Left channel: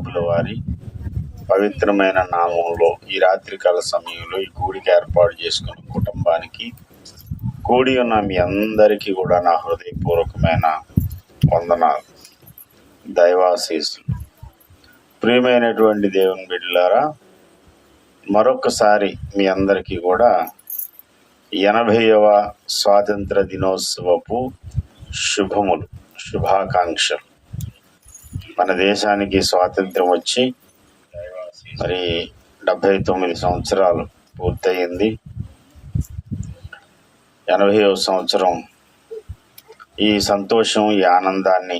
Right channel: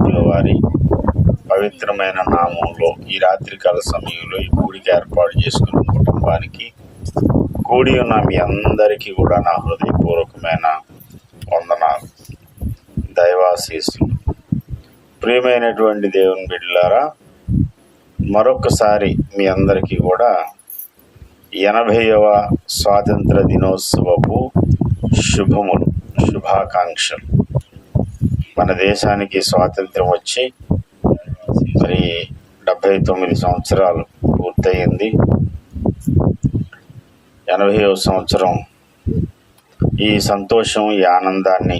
ప్రభుల వారి పవిత్రమైన నామంలో ఈ రాత్రికాల సమయంలో ఈ కూడికి ఏర్పాటు చేసుకున్న కుటుంబానికి కూడి ఉన్న మీ అందరికీ కూడా నా హృదయపూర్వకమైన వందనాలు, దైవాశీస్సులు. ప్రియమైనటువంటి దేవుని బిడ్డలారా, మరొకసారి మీ అందరికీ కూడా 80వ స్వాతంత్ర దినోత్సవపు శుభాకాంక్షలు. మన దేశానికి స్వాతంత్రం వచ్చి మరి 79 సంవత్సరాలు పూర్తయింది. 80వ సంవత్సరం ఈ సంతోషం, ఈ ఆనందాన్ని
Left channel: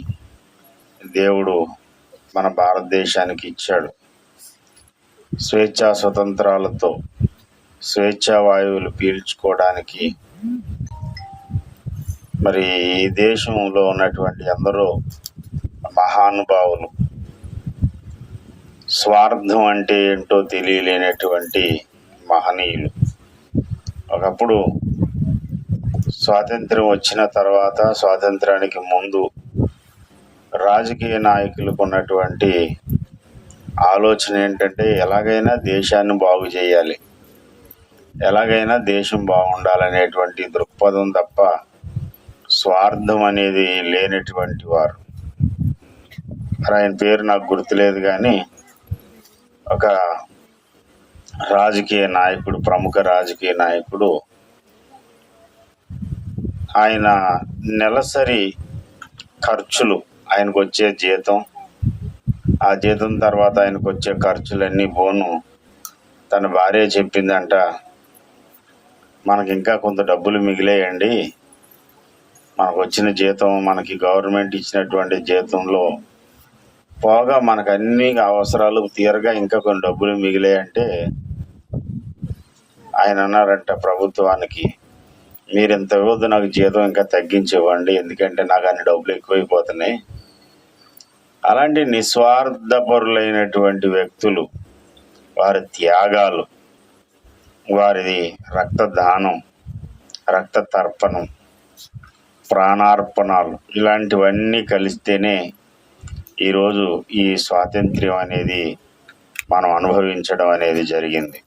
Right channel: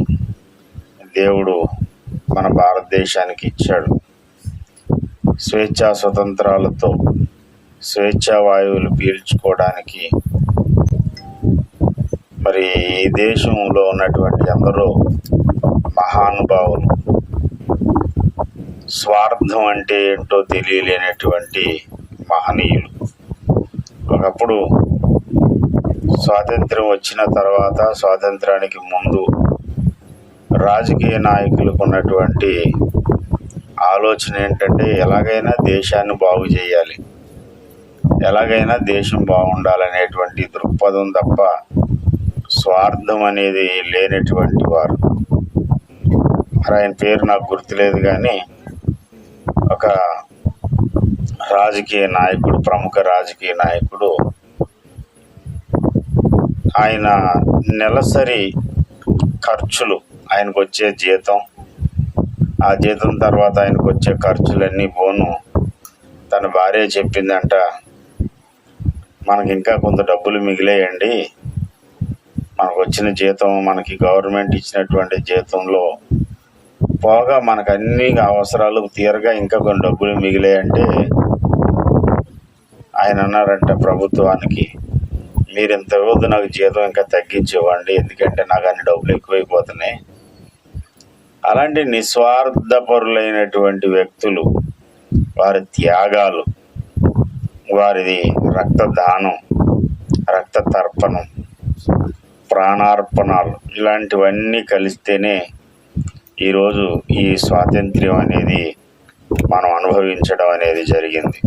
దేవుడు మన భారతదేశానికి ఇచ్చాడు. స్వేచ్ఛా స్వతంత్రాలతో స్వేచ్ఛా వాయువులు పీల్చుకోవడానికి మరి ఈ దేశంలో ఉన్నటువంటి ఎందరో మహానుభావులు, స్వార్థం అంటే ఏంటో తెలియలేనటువంటి మహనీయులు, ఒకప్పుడు స్వాతంత్రం వచ్చిన తర్వాత, స్వాతంత్రానికి ముందు రాజకీయ నాయకులకు ఉన్నటువంటి ఆలోచన ఏంటంటే ఎలాగైనా దేశాన్ని బాగు చేయాలి, ఎలాగైనా దేశం బాగుండాలనేటువంటి దృక్పథం తప్ప స్వార్థం అనేది లేనటువంటి వారు. ఆయన పేరు నాకు గుర్తులేదు, కానీ ఒక రాజకీయ నాయకుడు, ప్రముఖ రాజకీయ నాయకుడు, ఆయన నెలసరి ఖర్చులు, ఆయనకు వచ్చే జీతం, ఆ జీతం తర్వాత ఆయనకు వచ్చే ఖర్చులన్నీ పోను తన భార్య చెప్పిందంట, మనకి ఇంకా కొంత డబ్బులు మిగిలేయండి, మనకు వచ్చిన జీతం, మనకి గవర్నమెంట్ ఇచ్చినటువంటి జీతంలో పోగా మనకు అన్ని అవసరాలు తీరగా ఇంకా కొన్ని డబ్బులు మిగిలాయంటే ఆయన అన్నారంట ప్రభుత్వానికి, మీరు ఎంత ఇవ్వద్దు, నాకు జీతం ఇంకా తగ్గించివ్వండి, ఎందుకంటే నాకు అన్ని డబ్బులు ఎక్కువైపోతున్నాయి. అలాంటి నిస్వార్థపరులైనటువంటి వ్యక్తులు, వారి త్యాగాలు, వారిది రక్తదానం, రక్త తర్పణం, ప్రాణార్పణాలు, ఇలాంటివన్నీ కలిస్తేనే ఈరోజు ఈ స్వాతంత్ర్యం అనేది మనం అనుభవించడం అనేది జరిగింది.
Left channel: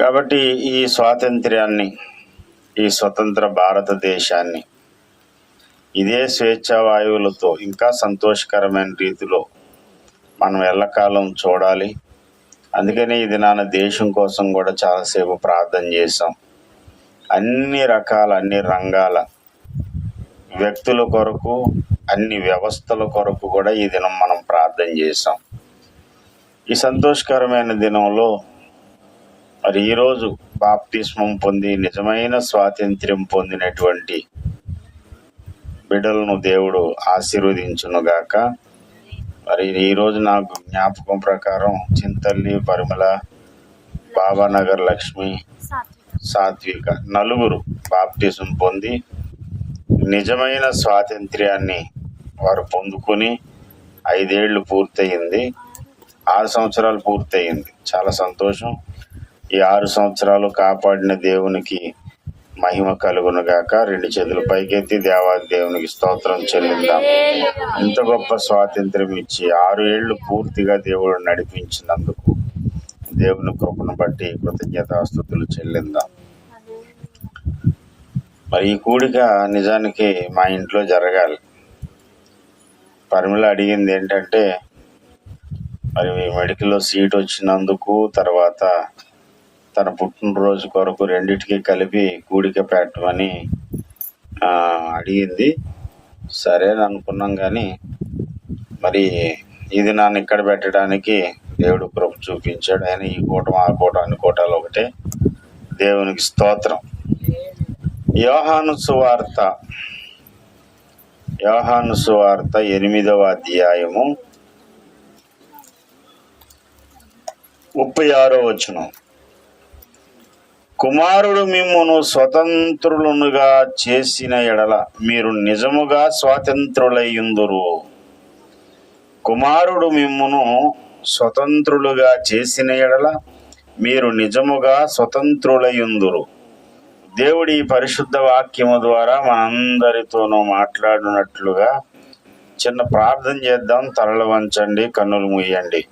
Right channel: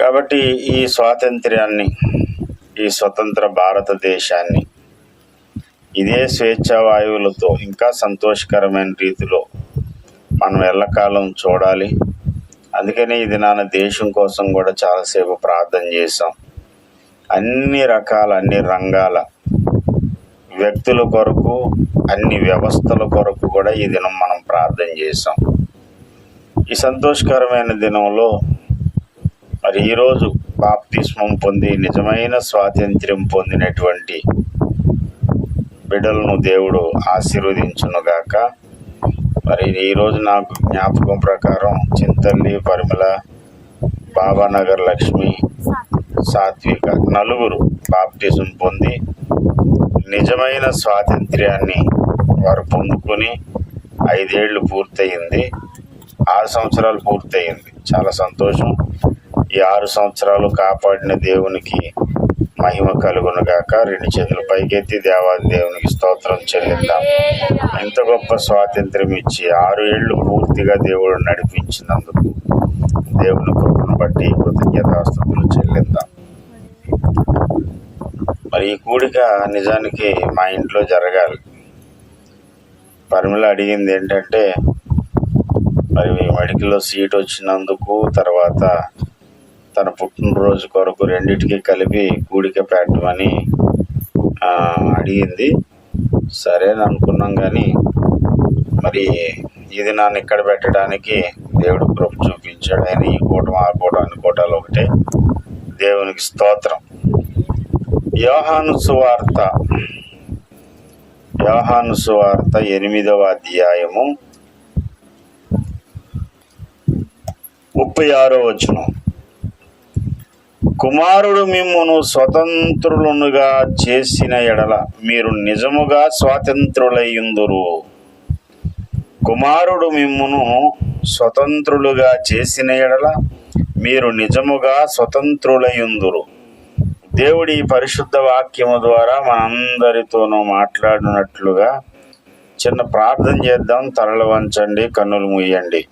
కాబట్టి ఈ స్వాతంత్ర్యాన్ని, ఈ స్వతంత్ర భారతదేశాన్ని ఇదే స్వేచ్ఛా వాయువులతో ఇంకా సంతోషకరమైన రీతిలో మనం ఎల్లకాలం చూడాలి. అందుకని ఇది నాన్న దేశం కోసం కూడా చాలాసేపు ప్రార్థన చేశాం. అన్ని రంగాల వ్యక్తుల కొరకు, అన్ని వ్యవస్థల కొరకు కూడా ఈ దినం మనం ప్రార్థన చేశాం. ఈ సంతోషకరమైన దినంలో మరి ఈరోజు బాప్తిస్మం పొంది నిజమైన స్వాతంత్ర్యం పొందినటువంటి బిడ్డలను దేవుడు ఆశీర్వదించునుగాక. మరి ఈరోజు నాకు జ్ఞాపకం ప్రకారం చింతల్లి, పరిమళ, బాబానగర్ లక్ష్మి, సాత్విక నలుగురు బాప్తిజం పొంది నిజమైన స్వాతంత్ర్యాన్ని వారు పొందుకొని 5 ఏళ్ళు పూర్తయింది, 6 సంవత్సరాలు పూర్తయింది. చాలా సంతోషం. ఈ 6 సంవత్సరాలు కాపాడిన దేవునికి మహిమ కలుగునుగాక. 2 చేతులు పైకెత్తి దేవాది దేవునికి స్తోత్రం చెల్లిద్దాం. ఇంత గొప్ప స్వాతంత్ర్యం ఇచ్చి 6 ఏళ్ళు పూర్తిగా దేవుడు నడిపించినందుకు దేవుని కృపను బట్టి కృతజ్ఞతాస్తుతులు చెల్లిద్దాం. మరి ఈ కూడిక నిజానికి మా ఇంట్లో జరగాలి. పరిమళ అడిగింది ఏంటంటే, మరి మెడికల్లో సీట్ వచ్చినందుకు, తర్వాత తన పుట్టినరోజు కొరకు రెండింటికి కలిపి కూడిక పెట్టమని అడిగింది. సరే అని అనుకున్నాం, కానీ మరి ఇది నన్ను ఇక్కడ పెట్టడానికి దేవుడు కృప చూపించాడు. ఆయన ఈ కూటం ఆ కూటం అన్ని కూటాలు ఒకటే. దేవునికి స్తోత్రం. యోహాను సువార్త 8వ అధ్యాయము 36వ వచనం. కుమారుడు మిమ్మును స్వతంత్రులుగా చేసిన ఎడల మీరు నిజముగా స్వాతంత్రులయ్యుందురు. కుమారుడు మిమ్మును స్వతంత్రులుగా చేసిన ఎడల మీరు నిజముగా స్వతంత్రులయ్యుందురు. దేవుడి పరిశుద్ధ వాక్యము ద్వారా మనందరితోనూ మాట్లాడినట్లుగా చిన్న ప్రార్థన చేద్దాం. తలలు వంచండి, కన్నులు మూయండి.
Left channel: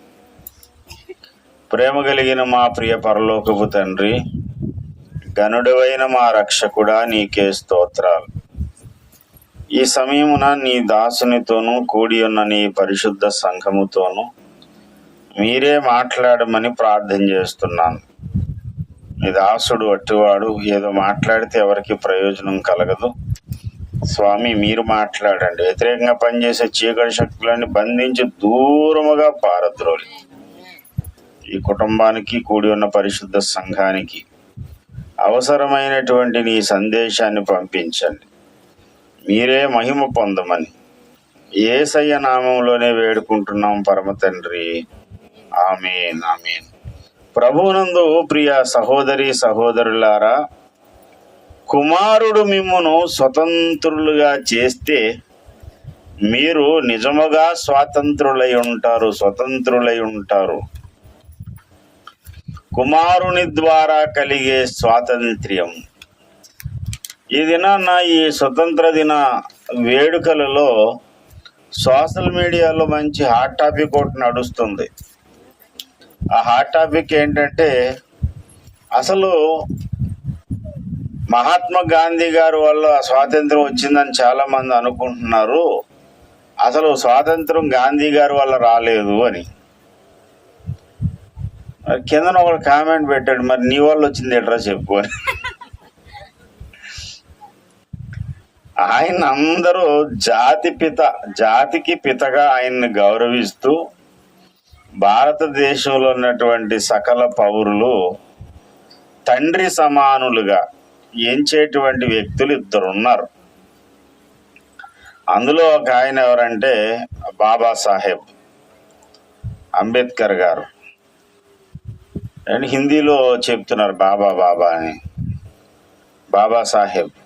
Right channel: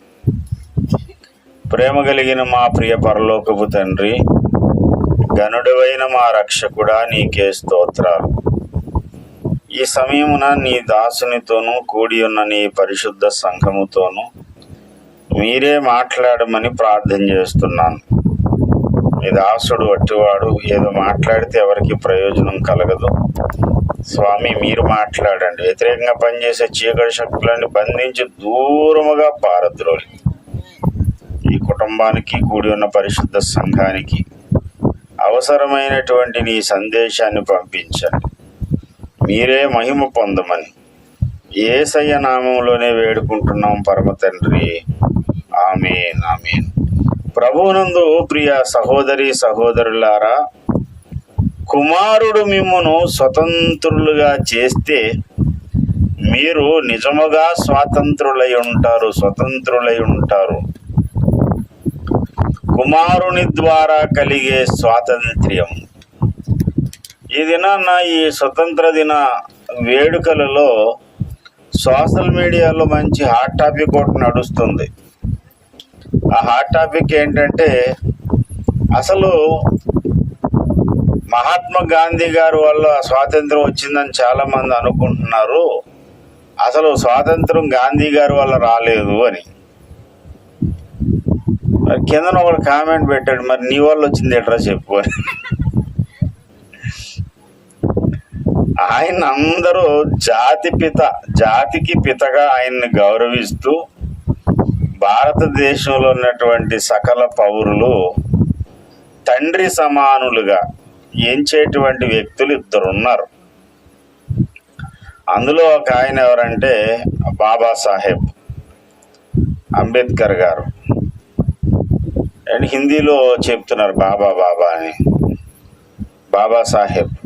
ప్రేమ కలిగిన మా ప్రియ పరలోకపు తండ్రి, గనుడవైన మా రక్షకుడా, నీకే స్తోత్రాలు. ఈ సమయమున నీ దాసునితోనూ కూడి ఉన్న నీ పరిశుద్ధ సంఘముతోనూ మీరే మాట్లాడమని ప్రార్థన చేస్తున్నాను. నీ దాసుడు అట్టివాడు, ఏదో మాట్లాడితే ఎవరికి ప్రయోజనం కలగదు. స్వామి, మీరు మాట్లాడండి. వ్యతిరేకంగా పనిచేసే చీకటి శక్తులన్నీ బంధించి దూరముగా పారద్రోలి ఈ కుటుంబానికి, కూడి ఉన్న పరిశుద్ధ సంఘానికి అవసరమైనటువంటి నీ సందేశాన్ని పంపించండి. మీరే మహిమ పొందమని యేసయ్య నామములోనే వేడుకుంటున్నాం పరమ తండ్రి. ఆమేన్, ఆమేన్. ప్రభువునందు ప్రియ సహోదరి సహోదరులారా, కుమారుడు మిమ్మును స్వతంత్రులుగా చేస్తే మీరు నిజముగా స్వాతంత్రులై ఉంటారు. కుమారుని ద్వారా కలిగే స్వాతంత్ర్యం. ఈ దినాన ఈ స్వతంత్ర దిన వేడుకలలో సోషల్ మీడియాలో మంచి హాట్ టాపిక్ ఒకటి నడుస్తుంది. ఆ హాట్ టాపిక్ ఏంటంటే, అసలు మహాత్మా గాంధీ గారి వల్ల స్వాతంత్రం వచ్చిందని చాలా మంది అనుకుంటున్నారు. అసలు స్వాతంత్రం గాంధీ గారి వల్ల రాలేదు అని. మరి కింద ఒకడు కామెంట్ పెట్టాడు, మరి నీ వల్ల వచ్చింది ఎట్రా చెప్పు అని. ఆయన అందరూ జాతికి పితగా ఆయన్ని గౌరవిస్తూ భారతదేశంలో ఉన్నటువంటి సకల పౌరులు తండ్రి సమానులుగా ఎంచేటువంటి వ్యక్తులు ఇద్దరు ఉన్నారు. అందులో ఒక ఆయన ఎవరంటే బాబాసాహెబ్ అంబేద్కర్ గారు. అండ్ హిందీలో చెప్తున్నారు బాబా అని. బాబాసాహెబ్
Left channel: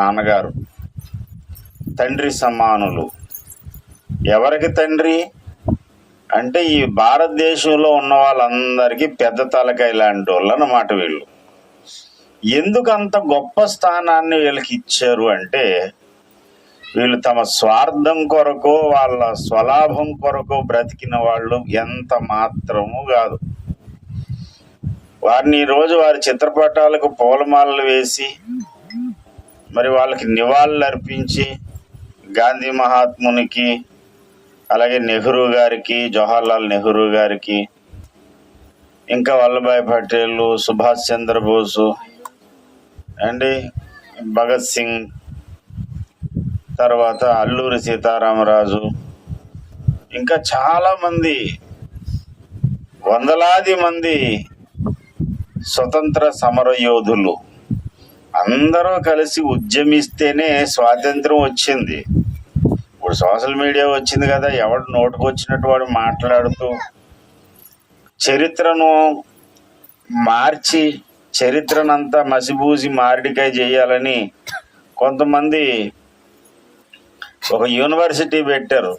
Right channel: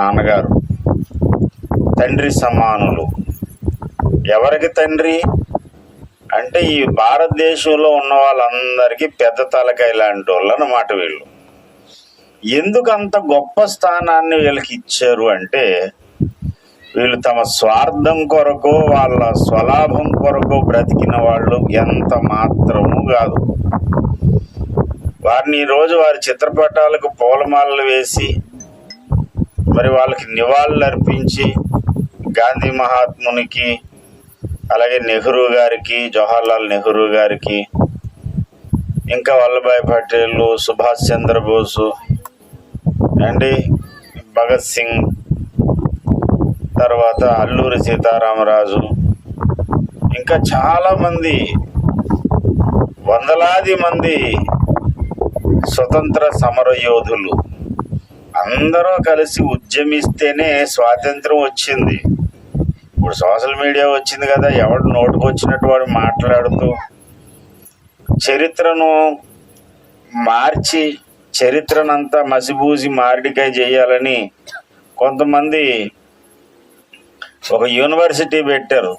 నాన్నగారు తండ్రి సమానులు. ఎవరికి తండ్రి అంటే ఈ భారతదేశంలో ఉన్న వాళ్ళందరికీ పెద్ద తలకాయ లాంటి వాళ్ళు అన్నమాట వీళ్ళు. ఎందుకు అంత గొప్ప స్థానాన్ని వీళ్ళకి ఇచ్చారు అంటే, వీళ్ళు తమ స్వార్థం కొరకు, వాళ్ళ స్వలాభం కొరకు బ్రతికిన వాళ్ళు ఎంత మాత్రము కాదు. వారిని ఈరోజు వారి చిత్రపటాలకు పూలమాలలు వేసి మరి వాళ్ళకి నివాళులు అర్పించి, గాంధీ మహాత్మునికి, అలాగే నెహ్రూ గారికి, జవహర్లాల్ నెహ్రూ గారికి, ఇంకా వల్లభాయ్ పటేల్, సుభాష్ చంద్రబోసు అండి, భగత్ సింగ్, తర్వాత అల్లూరి సీతారామరాజు, ఇంకా చాలామంది, వందలాది మంది స్వతంత్ర సమర యోధులు అందరూ కలిసి ఉద్యమిస్తేనే స్వాతంత్రం వచ్చింది. ఇప్పుడు సోషల్ మీడియా వచ్చింది కదా, ఎవడు నోటుకు వచ్చినట్టు వాడు మాట్లాడుతూ చరిత్రను మార్చి, చరిత్రనంతా మసిబూసి మారడికాయ చేయాలని కొంతమంది ఒక యూనివర్సిటీ పెట్టారు.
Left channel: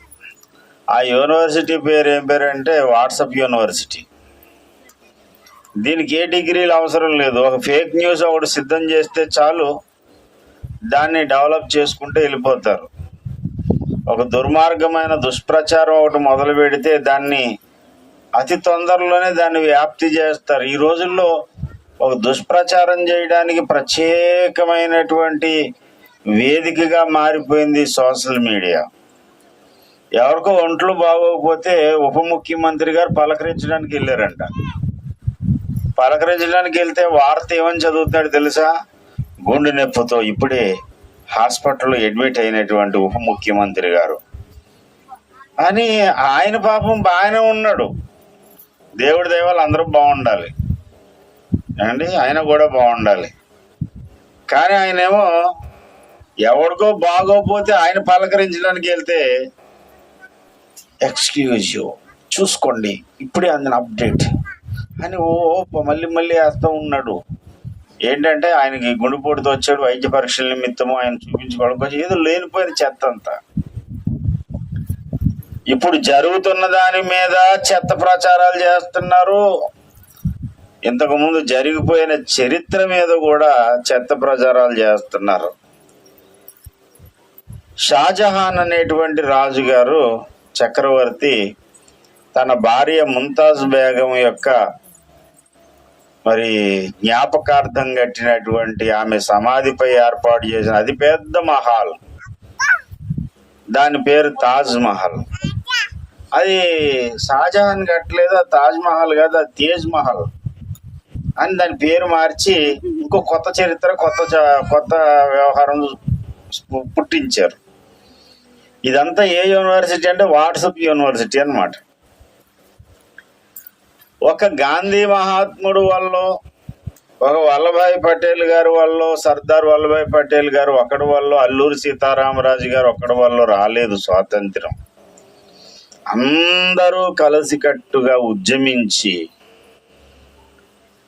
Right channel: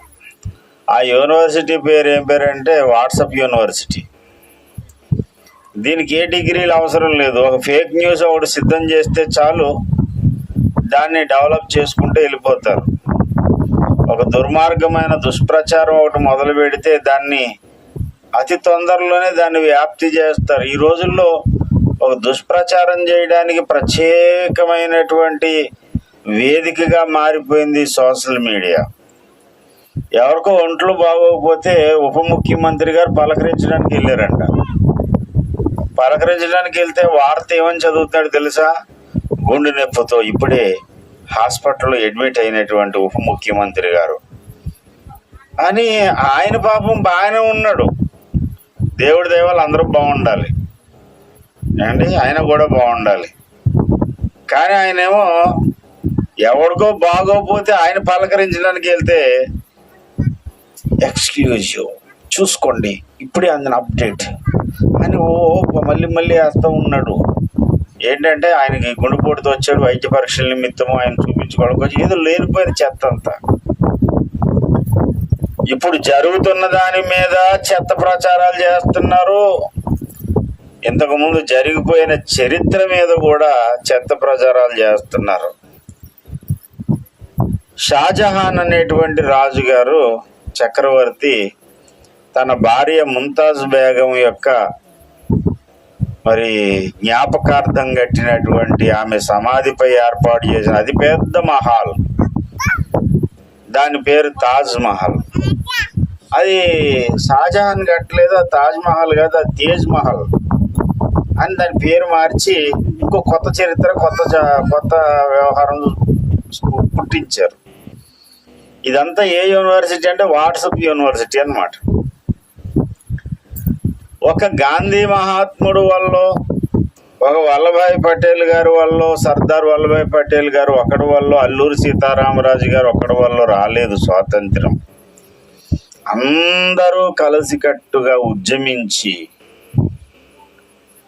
ఆ యూనివర్సిటీ పేరు ఏం పేరు అంటే వాట్సాప్ యూనివర్సిటీ. దీనికి ఏ డిగ్రీలు అవసరం లేదు. ఒక ఫేక్ న్యూస్ ఒకటి సిద్ధం చేస్తే చాలు, దాన్ని డెవలప్ చేసుకుంటూ వెళ్ళిపోతారు. ఒక దుర్మార్గమైన దుష్ప్రచారం ఒకటి మొదలు పెడితే దాన్ని అతి తొందరలోనే దాన్ని వ్యాప్తి చేస్తారు. ఈ రోజుల్లో ఒక దుష్ప్రచారం చేయడానికి ప్రత్యేకమైనటువంటి వేదికగా మారిపోయింది సోషల్ మీడియా. ఎవరికో ఒంట్లో బాగోకపోతే ఉప ముఖ్యమంత్రి గారు పలకరించడానికి వెళ్ళారంట. పలకరించడానికి వెళ్తే వార్త ఏమని చదువుతున్నాడు తెలుసా? గుండె నొప్పితో ఇప్పుడే హాస్పిటల్లో అడ్మిట్ అయినటువంటి ఉప ముఖ్యమంత్రి గారు అని. ఆయన పాపం బాగానే ఉన్నాడు, దేవుడి దయవల్ల అందరూ బాగుండాలి అండి, ఆయన కూడా బాగుండాలి. కానీ ఆయనేమో ఎవరికో బాగోపోతే ఆయన పలకరించడానికి వెళ్తే ఎక్స్క్యూజ్ యూ, చూసుకోండి ఇప్పుడే అందిన అప్డేట్ అని మళ్ళీ వేస్తూ ఉన్నాడు. ఏంటంటే ఆయనకి గుండెపోటుతో వచ్చాడు, వైద్య పరీక్షల నిమిత్తము ఆయన చూపించుకోవడానికి ఏదో లేనిపోయిన చెత్త అంతా. ఇప్పుడు జరుగుతున్న దాని మీద చెత్త ప్రచారాలు చేస్తున్నారు. ఇంతకుముందు జరిగిపోయిన చరిత్ర మీద కూడా చెత్త ప్రచారాలు చేస్తున్నారు. షాజహాన్ అనేటువంటి రాజుగారు చక్రవర్తి తన భార్య ముంతాజ్ బేగం యొక్క మరి జ్ఞాపకార్థం కట్టినటువంటి ఆమె సమాధిపై ఏర్పాటు చేసిన అతిపెద్ద మహల్, దాని పేరు తాజ్ మహల్. అది షాజహాన్ కట్టలేదు, తాజ్ మహల్ కాదు, అది తేజ్ మహల్ అని దాని పేరు మార్చి ఇంకో కొత్త చరిత్ర, కొత్త వ్యవహారం పుట్టించారు. ఇదంతా ఏ యూనివర్సిటీ అంటే వాట్సాప్ యూనివర్సిటీ అన్నమాట. ఒక గాంధీ మహాత్ముడు వల్ల, ఒక వల్లభాయ్ పటేల్ గారు వల్ల, సర్దార్ వల్లభాయ్ పటేల్ గారు ఒకటి వల్ల, అల్లూరి సీతారామరాజు గారు ఒకటి వల్ల రాలేదు స్వాతంత్రం. అందరూ కలిసికట్టుగా ఉద్యమించి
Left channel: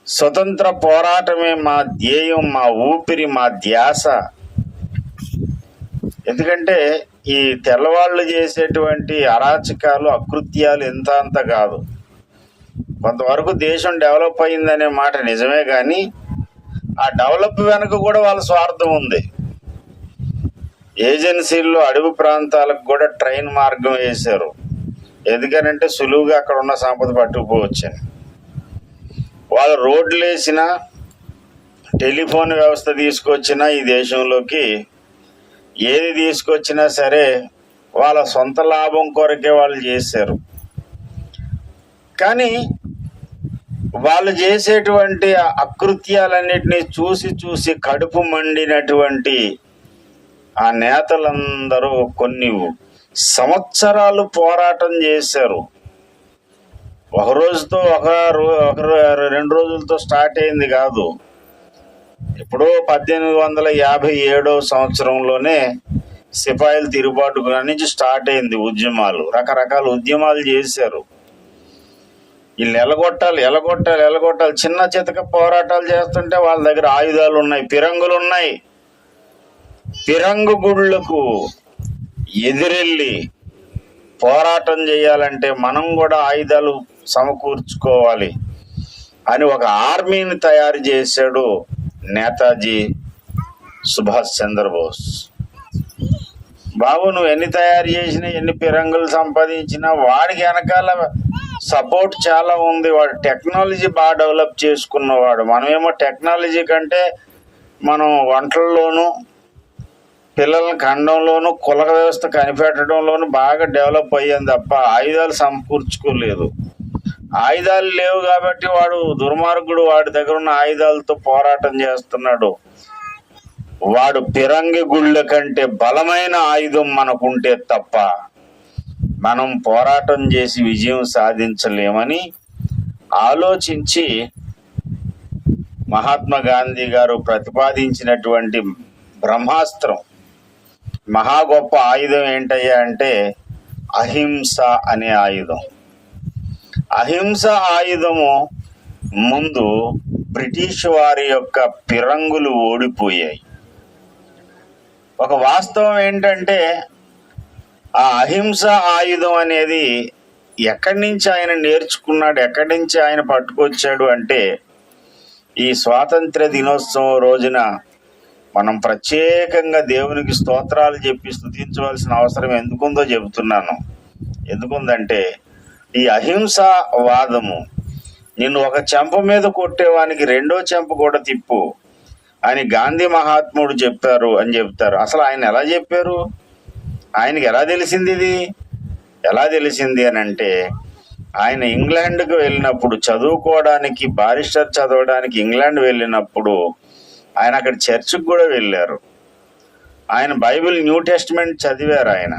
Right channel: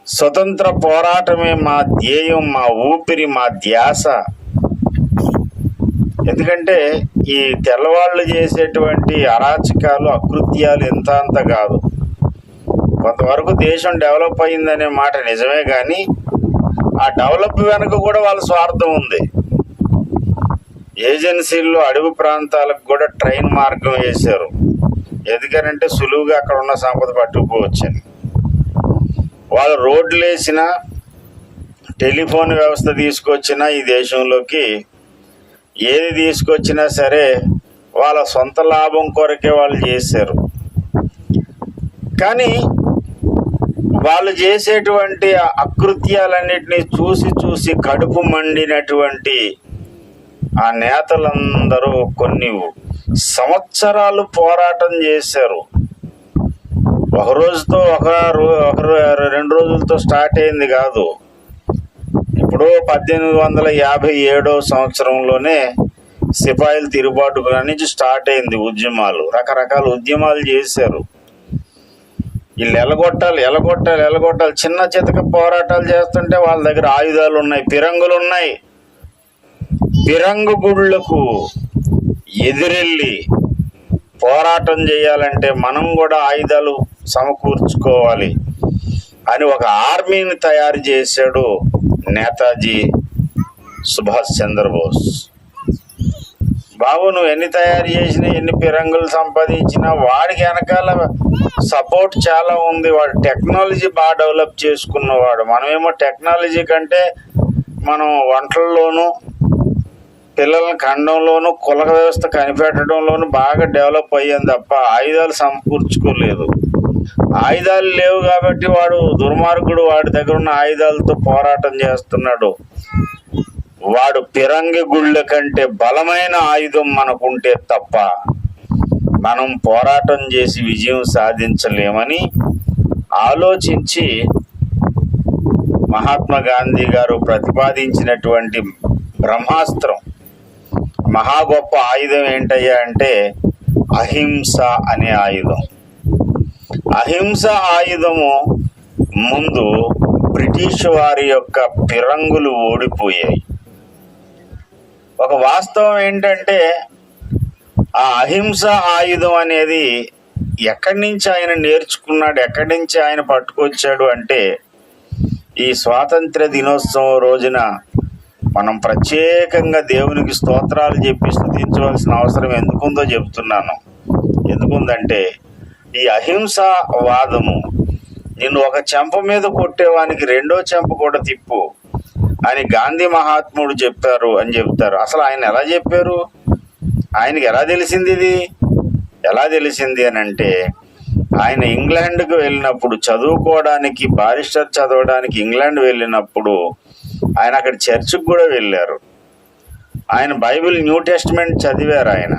స్వతంత్ర పోరాటమే మా ధ్యేయం, మా ఊపిరి, మా ధ్యాస. ఎందుకంటే ఈ తెల్లవాళ్ళు చేసేటువంటి అరాచకాలు, అకృత్యాలు ఎంత అంత కాదు. కొంతవరకు దేశం డెవలప్ అయిందనే మాట నిజమే, కానీ ఆ డెవలప్ వెనుక కూడా వాళ్ళ స్వార్థం ఉంది. ఏజెన్సీల్లో అడవి ప్రాంతాలకు కూడా ట్రైన్ మార్గం వేశారు. ఎందుకనంటే సులువుగా అక్కడ ఉన్న సంపద పట్టుకుపోవచ్చని. వాళ్ళు రోడ్లు వేసినా, టెలిఫోన్ వ్యవస్థ తీసుకొచ్చినా, ఈ దేశంలోకి ఏది తీసుకొచ్చినా సరే వాళ్ళ సొంత లాభం కొరకే వాళ్ళు చేశారు. కానీ వాళ్ళు చేసేటువంటి అకృత్యాలన్నిటినీ చూసి కడుపు మండినటువంటి ఆ నేతలందరూ కొన్ని సంవత్సరాలు పోరాటం చేశారు. ఒక రోజుతో ఒక 2 రోజులతో స్టార్ట్ అయింది కాదు. ఇప్పుడు 1857 సంవత్సరంలోనే సిపాయిలు తిరుగుబాటు నుంచి స్టార్ట్ అయింది ఉద్యమాలు. రకరకాల ఉద్యమాలు చేశారు. వీళ్ళు ఎలగొట్టాలి. చిన్న చితక పోరాటాలు చేస్తుంటే వాళ్ళ దగ్గర ఆయుధాలు ఉన్నాయి, పిరంగులు ఉన్నాయి. పిరంగు గుళ్ళకు ఎదురెళ్ళి పోరాటం చేయాలంటే మనం కూడా ఆయుధాలు సమకూర్చుకోవాలి అని ఒక ఆర్మీని తయారు చేశాడు నేతాజీ సుభాష్ చంద్రబోస్. బాబు, నువ్వు ఎన్ని తయారు చేసినా, ఎన్ని పిరంగులు సంపాదించినా వాడికి వెనకాల సపోర్ట్ చాలా ఉంది. వాడు టెక్నాలజీ బాగా డెవలప్ చేసుకున్నవాడు. మనమేమో టెక్నాలజీ కంటే మనం వంటల్లోనూ, పిల్లల ఖండంలోనూ, కుల వ్యవస్థ కనిపెట్టడంలోనూ బాగా డెవలప్ అయ్యాం తప్ప ఆయుధాలు సమకూర్చుకోలేదు. ఆయుధాలు లేవు కాబట్టి వాడు దుర్మార్గుడు, వాడి దగ్గర ఉన్న ఆయుధాలతో పోరాటం చేస్తున్నాడు. వాడు పిరంగి గుళ్ళ కంటే బలమైన ఆయుధం మనకుంటే తప్ప మనం పోరాటం చేసి విజయం సాధించలేమని ఆలోచించి మహాత్మా గాంధీ గారు ప్రతిపాదించినటువంటి బ్రహ్మాస్త్రం, మహా గొప్ప ఆయుధం ఏంటయ్యా అంటే అహింస అనే ఆయుధం. అహింస ఆయుధము ముందు బ్రిటిష్ వారి యొక్క పిరంగులు ఓడిపోయాయి. ఒక వాస్తవం ఏంటంటే ఆ అహింస ఆయుధం అనేది ఎక్కడి నుంచి ఆయన నేర్చుకున్నాడు, ఎక్కడి నుంచి ఆయన పట్టుకొచ్చాడు అంటే ఈ స్వాతంత్ర దినోత్సవం రోజున మనం ప్రత్యేకంగా దేవునికి స్తోత్రాలు చెప్పి స్తుతించవలసిన అవసరం ఎందుకుందో చెబుతున్నాను. ఎందుకుందంటే ఈ అహింసా వాదము నిన్ను ఒక చెంప మీద కొట్టేవానికి రెండో చెంప కూడా తిప్పు అని గాంధీ మహాత్ముడు చెప్పారు అని చెప్తారు. అసలు ఆయన ఎలా చెప్పారు? ఆయనకి ఎలా తెలిసింది? ఇది ఎలా తెలిసింది అని అంటే ఆయన ఇంగ్లాండ్కి వెళ్ళినప్పుడు చదువుకోవడానికి, బారిస్టర్ చదవడానికి ఇంగ్లాండ్ వెళ్ళినప్పుడు ఆయన అక్కడ చర్చికి కూడా వెళ్ళారు. ఆయన బైబిల్, న్యూ టెస్ట్మెంట్ చదివారు. ఆయన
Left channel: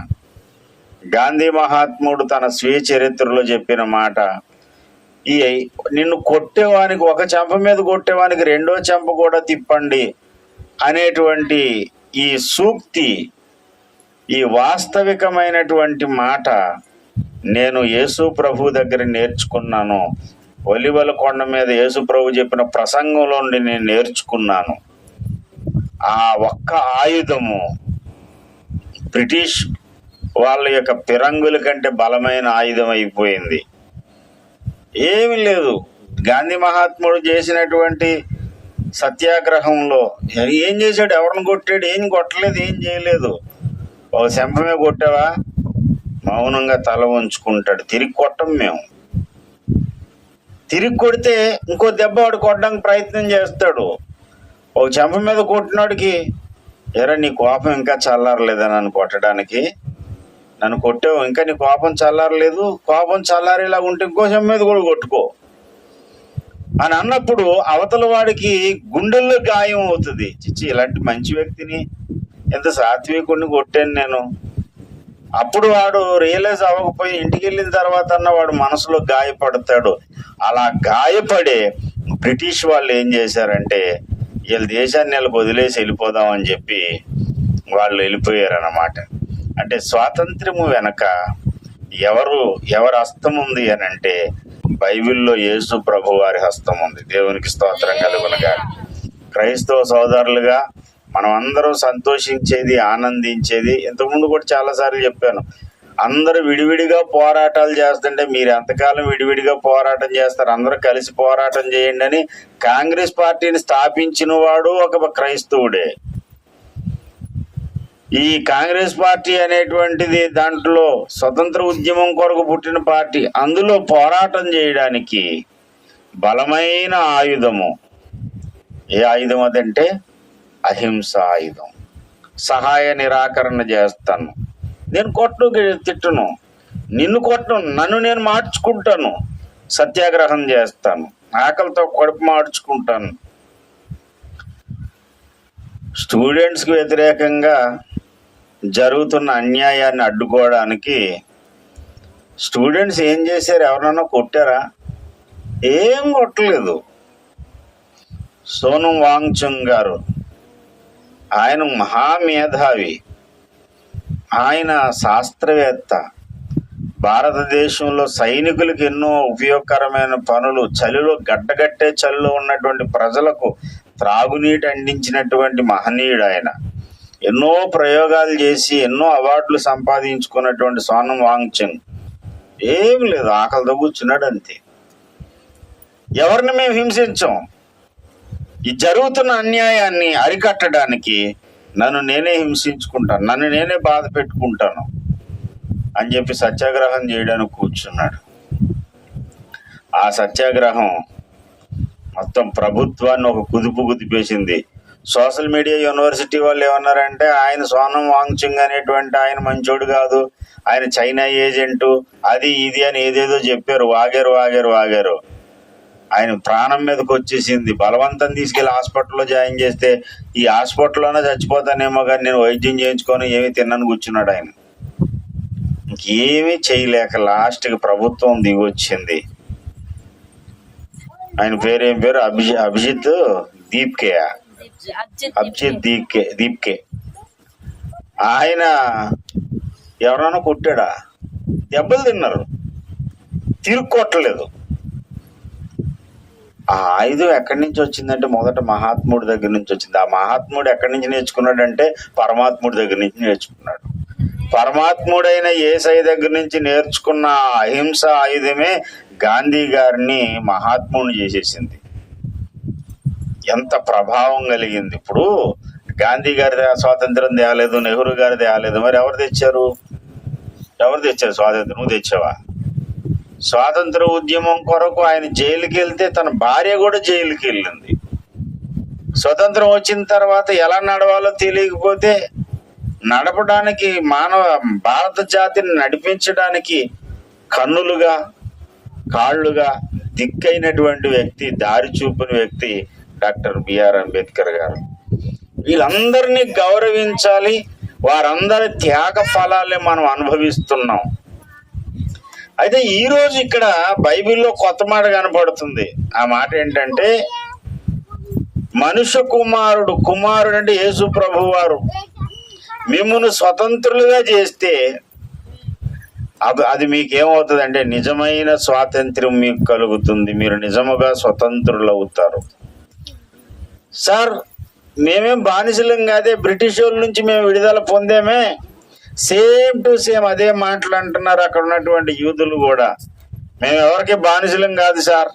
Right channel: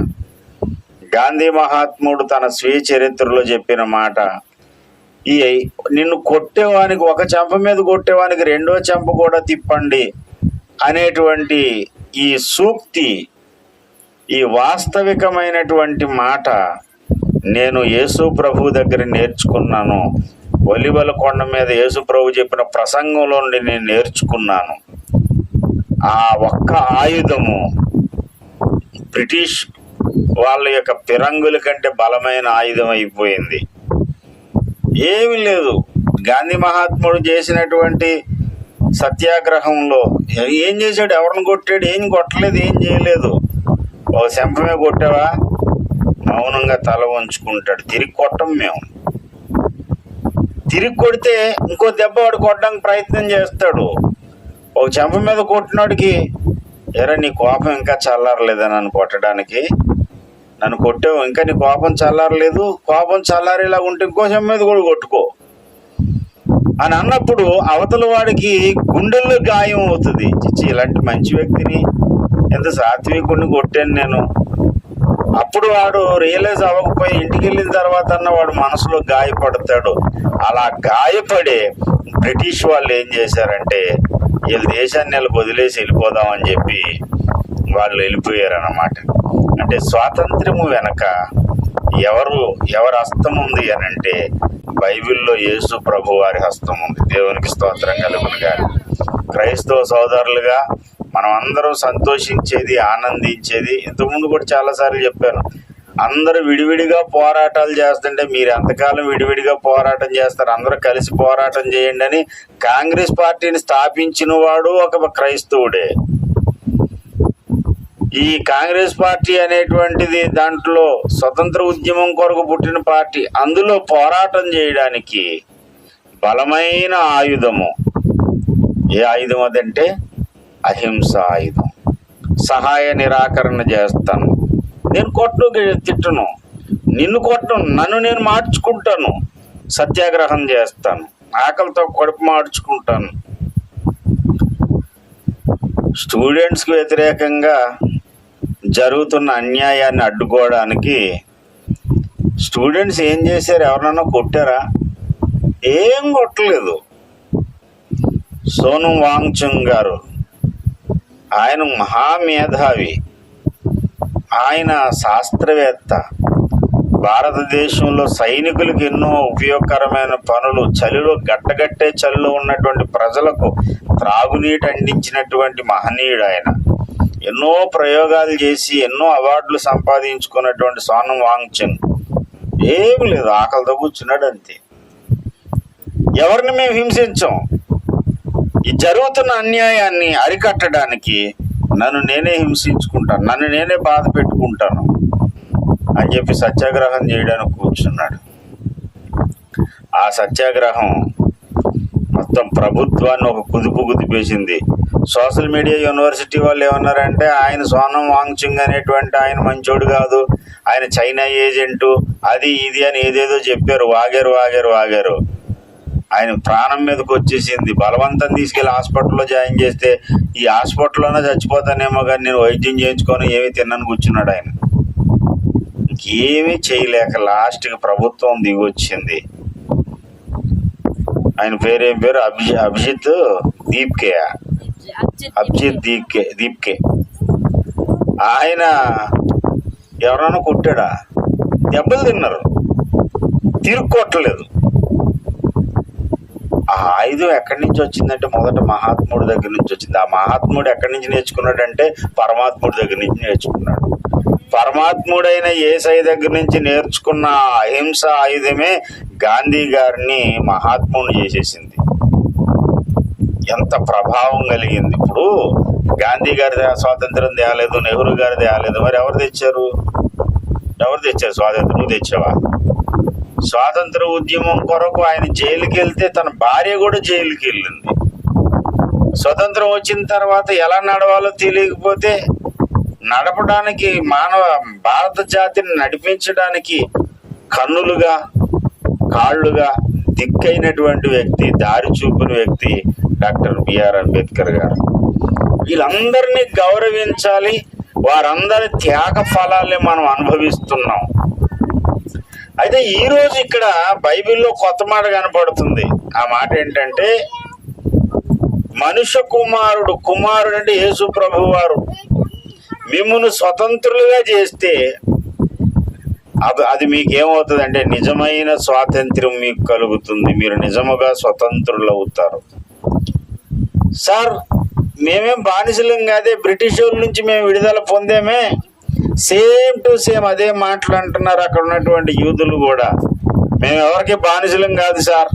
గాంధీ మహాత్ముడు తన స్వీయ చరిత్రలో చెప్పిన మాట, ఈ నిన్ను కొట్టేవానికి, ఒక చెంప మీద కొట్టేవానికి రెండో చెంప కూడా తిప్పండి అనేటువంటి ఈ సూక్తి, ఈ వాస్తవికమైనటువంటి మాట నేను యేసు ప్రభు దగ్గర నేర్చుకున్నాను. ఒలివల కొండ మీద యేసు ప్రభు చెప్పిన ప్రసంగంలో నుండి నేను నేర్చుకున్నాను. ఆ ఒక్క ఆయుధము బ్రిటిష్ వాళ్ళ యొక్క పిరంగుల కంటే బలమైన ఆయుధం అయిపోయింది. ఏమీ లేదు. గాంధీ మహాత్ముడు చేసినటువంటి సత్యాగ్రహంలో ఏం చేశాడు? ఎవరిని కొట్టాడు? ఏం కొట్టలేదు, ఏం చేయలేదు. ఒక శంపమే కొట్టావా, మౌనంగా తల ఉంచుకుంటాడు. తిరిగి కొట్టం మేము. తిరిగి కొడితే ఇంకో దెబ్బ వాడు కొట్టడానికి ప్రయత్నం చేస్తాడు. ఒక చెంప మీద కొట్టినాడికి, ఎరా నీ కోపం ఇంకా చల్లారలేదా నన్ను కొట్టడానికి, నన్ను కొట్టావు ఇంకా నీ కోపం చల్లారలేదు, కోపం చల్లారేలాగా ఉంటే ఇంకో చెంప మీద కూడా కొట్టుకో అని అన్నప్పుడు అవతల వాడికి గుండెల్లో గాయం అవుతుంది. చిచ్చి ఇలాంటి మంచి వ్యక్తిని, ఎంత సాత్వికుడిని కొట్టాను నేను. అప్పుడు వాడు రియలైజ్ అవ్వకపోయి ఇంటికి వెళ్ళిన తర్వాత అన్న వాడు మనసులో గాయపడతాడు. అలా గాయపడే బ్రిటిష్ వాళ్ళు ఏం చేశారంటే, వీళ్ళ దేశాన్ని వీళ్ళకి వదిలేసి వెళ్ళిపోదామని చెప్పి వాళ్ళు వెళ్ళిపోయారన్నమాట. అంటే స్వాతంత్ర్యము వెనక ఎవరి హస్తం ఉంది అని అంటే బైబిల్లో యేసు ప్రభు వారి హస్తం ఉంది. దేవునికి స్తోత్రం కలుగునుగా. క్రైస్తవ సోదరులుగా మనం అందరం సంతోషించేది, ఆనందించేది, ఇంతకుముందు కూడా చాలాసార్లు చెప్పాను, అందరూ విడివిడిగా పోరాటాలు చేస్తుంటే మీరు ఎంతకాలం విడివిడిగా పోరాటం చేస్తారు, అందరూ కలిసి పోరాటం చేయండి అని కాంగ్రెస్ పార్టీని స్థాపించిన వాడు ఒక క్రైస్తవుడే. ఈ కాంగ్రెస్ పార్టీ అనేటువంటిది దాంట్లో స్వతంత్ర ఉద్యమం కొరకు పుట్టిన పార్టీ. అందులో పోరాటం చేయడానికి బలమైన ఆయుధము ఏ ఆయుధం అదంటే అహింస ఆయుధం. సహాయ నిరాకరణ చేస్తాను, నేను తిట్టును, నిన్ను కొట్టను, నన్ను నేను మార్చుకుంటాను, సత్యాగ్రహం చేస్తాను, ఆకలితో కడుపు మార్చుకుంటాను. స్టూడెంట్స్కి వ్యతిరేకంగా జరుగుతున్న అన్యాయాన్ని అడ్డుకోవడానికి స్టూడెంట్స్ ఏం చేశారు? ఎవరన్నా కొట్టారా? ఏం కొట్టలేదు. సోనం వాంగ్చుక్ గారు, ఆయన మహామేధావి, ఆయన శాస్త్రవేత్త, భారతదేశంలో సైనికులకు ఎన్నో ఉపయోగకరమైన పనులు, చలిలో గడ్డగట్టే చలిలో ఉన్నటువంటి ప్రజలకు త్రాగునీటి అందించినటువంటి మహనీయుడు ఆయన. ఎన్నో ప్రయోగాలు చేసి ఎన్నో అవార్డులు సంపాదించుకున్నటువంటి సోనం వాంగ్చుక్ ఏమి లేదు, ఆకలితో కూర్చున్నాడు అంతే. ఎవరిని మేము హింసించాం. ఈ జరుగుతున్న అన్యాయాన్ని అరికట్టడానికి నన్ను నేనే హింసించుకుంటాను, నన్ను నేనే బాధ పెట్టుకుంటాను అని చెప్పి సత్యాగ్రహం చేయడానికి కూర్చున్నాడు. ఆ సత్యాగ్రహం మొత్తం ప్రభుత్వాన్ని ఒక కుదుపు కుదిపేసింది. సోషల్ మీడియా యూనివర్సిటీ వాళ్ళు ఏమన్నారంటే, ఆయన సోనం వాంగ్చుక్ అనేటువంటి ఆయన మంచోడు కాదు, ఆయన చైనా ఏజెంటు, అది ఇది అని ఏదేదో చెప్పారు. వాగారు. ఆయన ప్రాణం మీదకి వచ్చేసింది. బలవంతం తీసుకెళ్లి హాస్పిటల్లో జాయిన్ చేస్తే ఈ హాస్పిటల్లోనే చచ్చిపోతానేమో కానీ నేను వైద్యం చేయించుకొని ఏమీ తిన్నాను కూర్చున్నాడు. ఆయన ఇంకేమీ చేయలేక లాస్ట్కి ప్రభుత్వం దిగొచ్చింది. ఆయన పేరేం పేరు? అభిజిత్ దీప్కే. ఆయన ఎవరన్నా కొట్టాడా? దెబ్బలు తిన్నారు, తిరుగు కొట్టలేదు. ఆ ఆయుధం ఎక్కడి నుంచి వచ్చిందంటే మొదట మహాత్ముడి దగ్గర నుంచి వచ్చింది. ఆ మహాత్ముడు ఎక్కడి నుంచి నేర్చుకున్నాడంటే పరమాత్ముడి దగ్గర నుంచి నేర్చుకున్నాడు. పరమాత్ముడైన యేసయ్య దగ్గర నుంచి నేర్చుకున్న అహింస ఆయుధమే గాంధీ గారిని మహాత్ముడిని చేసేసింది. ఎంత ప్రభావం కలిగింది. ఇప్పుడు గాంధీ గారి స్వాతంత్రం తేలేదు, నెహ్రూ గారి తేలేదు, మరి ఎవరు తెచ్చారు స్వాతంత్రం? నువ్వు తెచ్చావా? స్వాతంత్ర ఉద్యమం కొరకు ఆయన జైలుకి వెళ్తే తన భార్య కూడా జైలుకి వెళ్ళింది. స్వతంత్రం వచ్చిన తర్వాత ఎలా నడవాలో తెలియకపోతే నడపడానికి భారత జాతిని నడిపించడానికి కన్నులుగా కాళ్ళుగా దిక్కైనటువంటి వ్యక్తి, దారి చూపిన వ్యక్తి డాక్టర్ బిఆర్ అంబేద్కర్ గారు. వీళ్ళందరినీ గౌరవించాలి. వారందరి త్యాగ ఫలాలే మనం అనుభవిస్తున్నాం. అయితే ఈరోజు ఇక్కడ బైబిల్లో కొత్త మాట కనపడుతుంది. ఆ మాట ఏంటంటే, మనుష్య కుమారుడు అంటే యేసు ప్రభు వారు మిమ్మును స్వతంత్రులుగా చేస్తే అది మీకేమవుతుంది అంటే నిజమైన స్వాతంత్ర్యం మీకు కలుగుతుంది, మీరు నిజముగా స్వతంత్రులు అవుతారు. సార్ మేమేం బానిసలం కాదే, బ్రిటిష్ వాళ్ళ నుంచి మేము విడుదల పొందేమే, సేమ్ టు సేమ్ అదే మాటలు అంటున్నారు అక్కడ ఉన్నటువంటి యూదులు కూడా. మేము ఎవరికి బానిసలం కాదు సార్,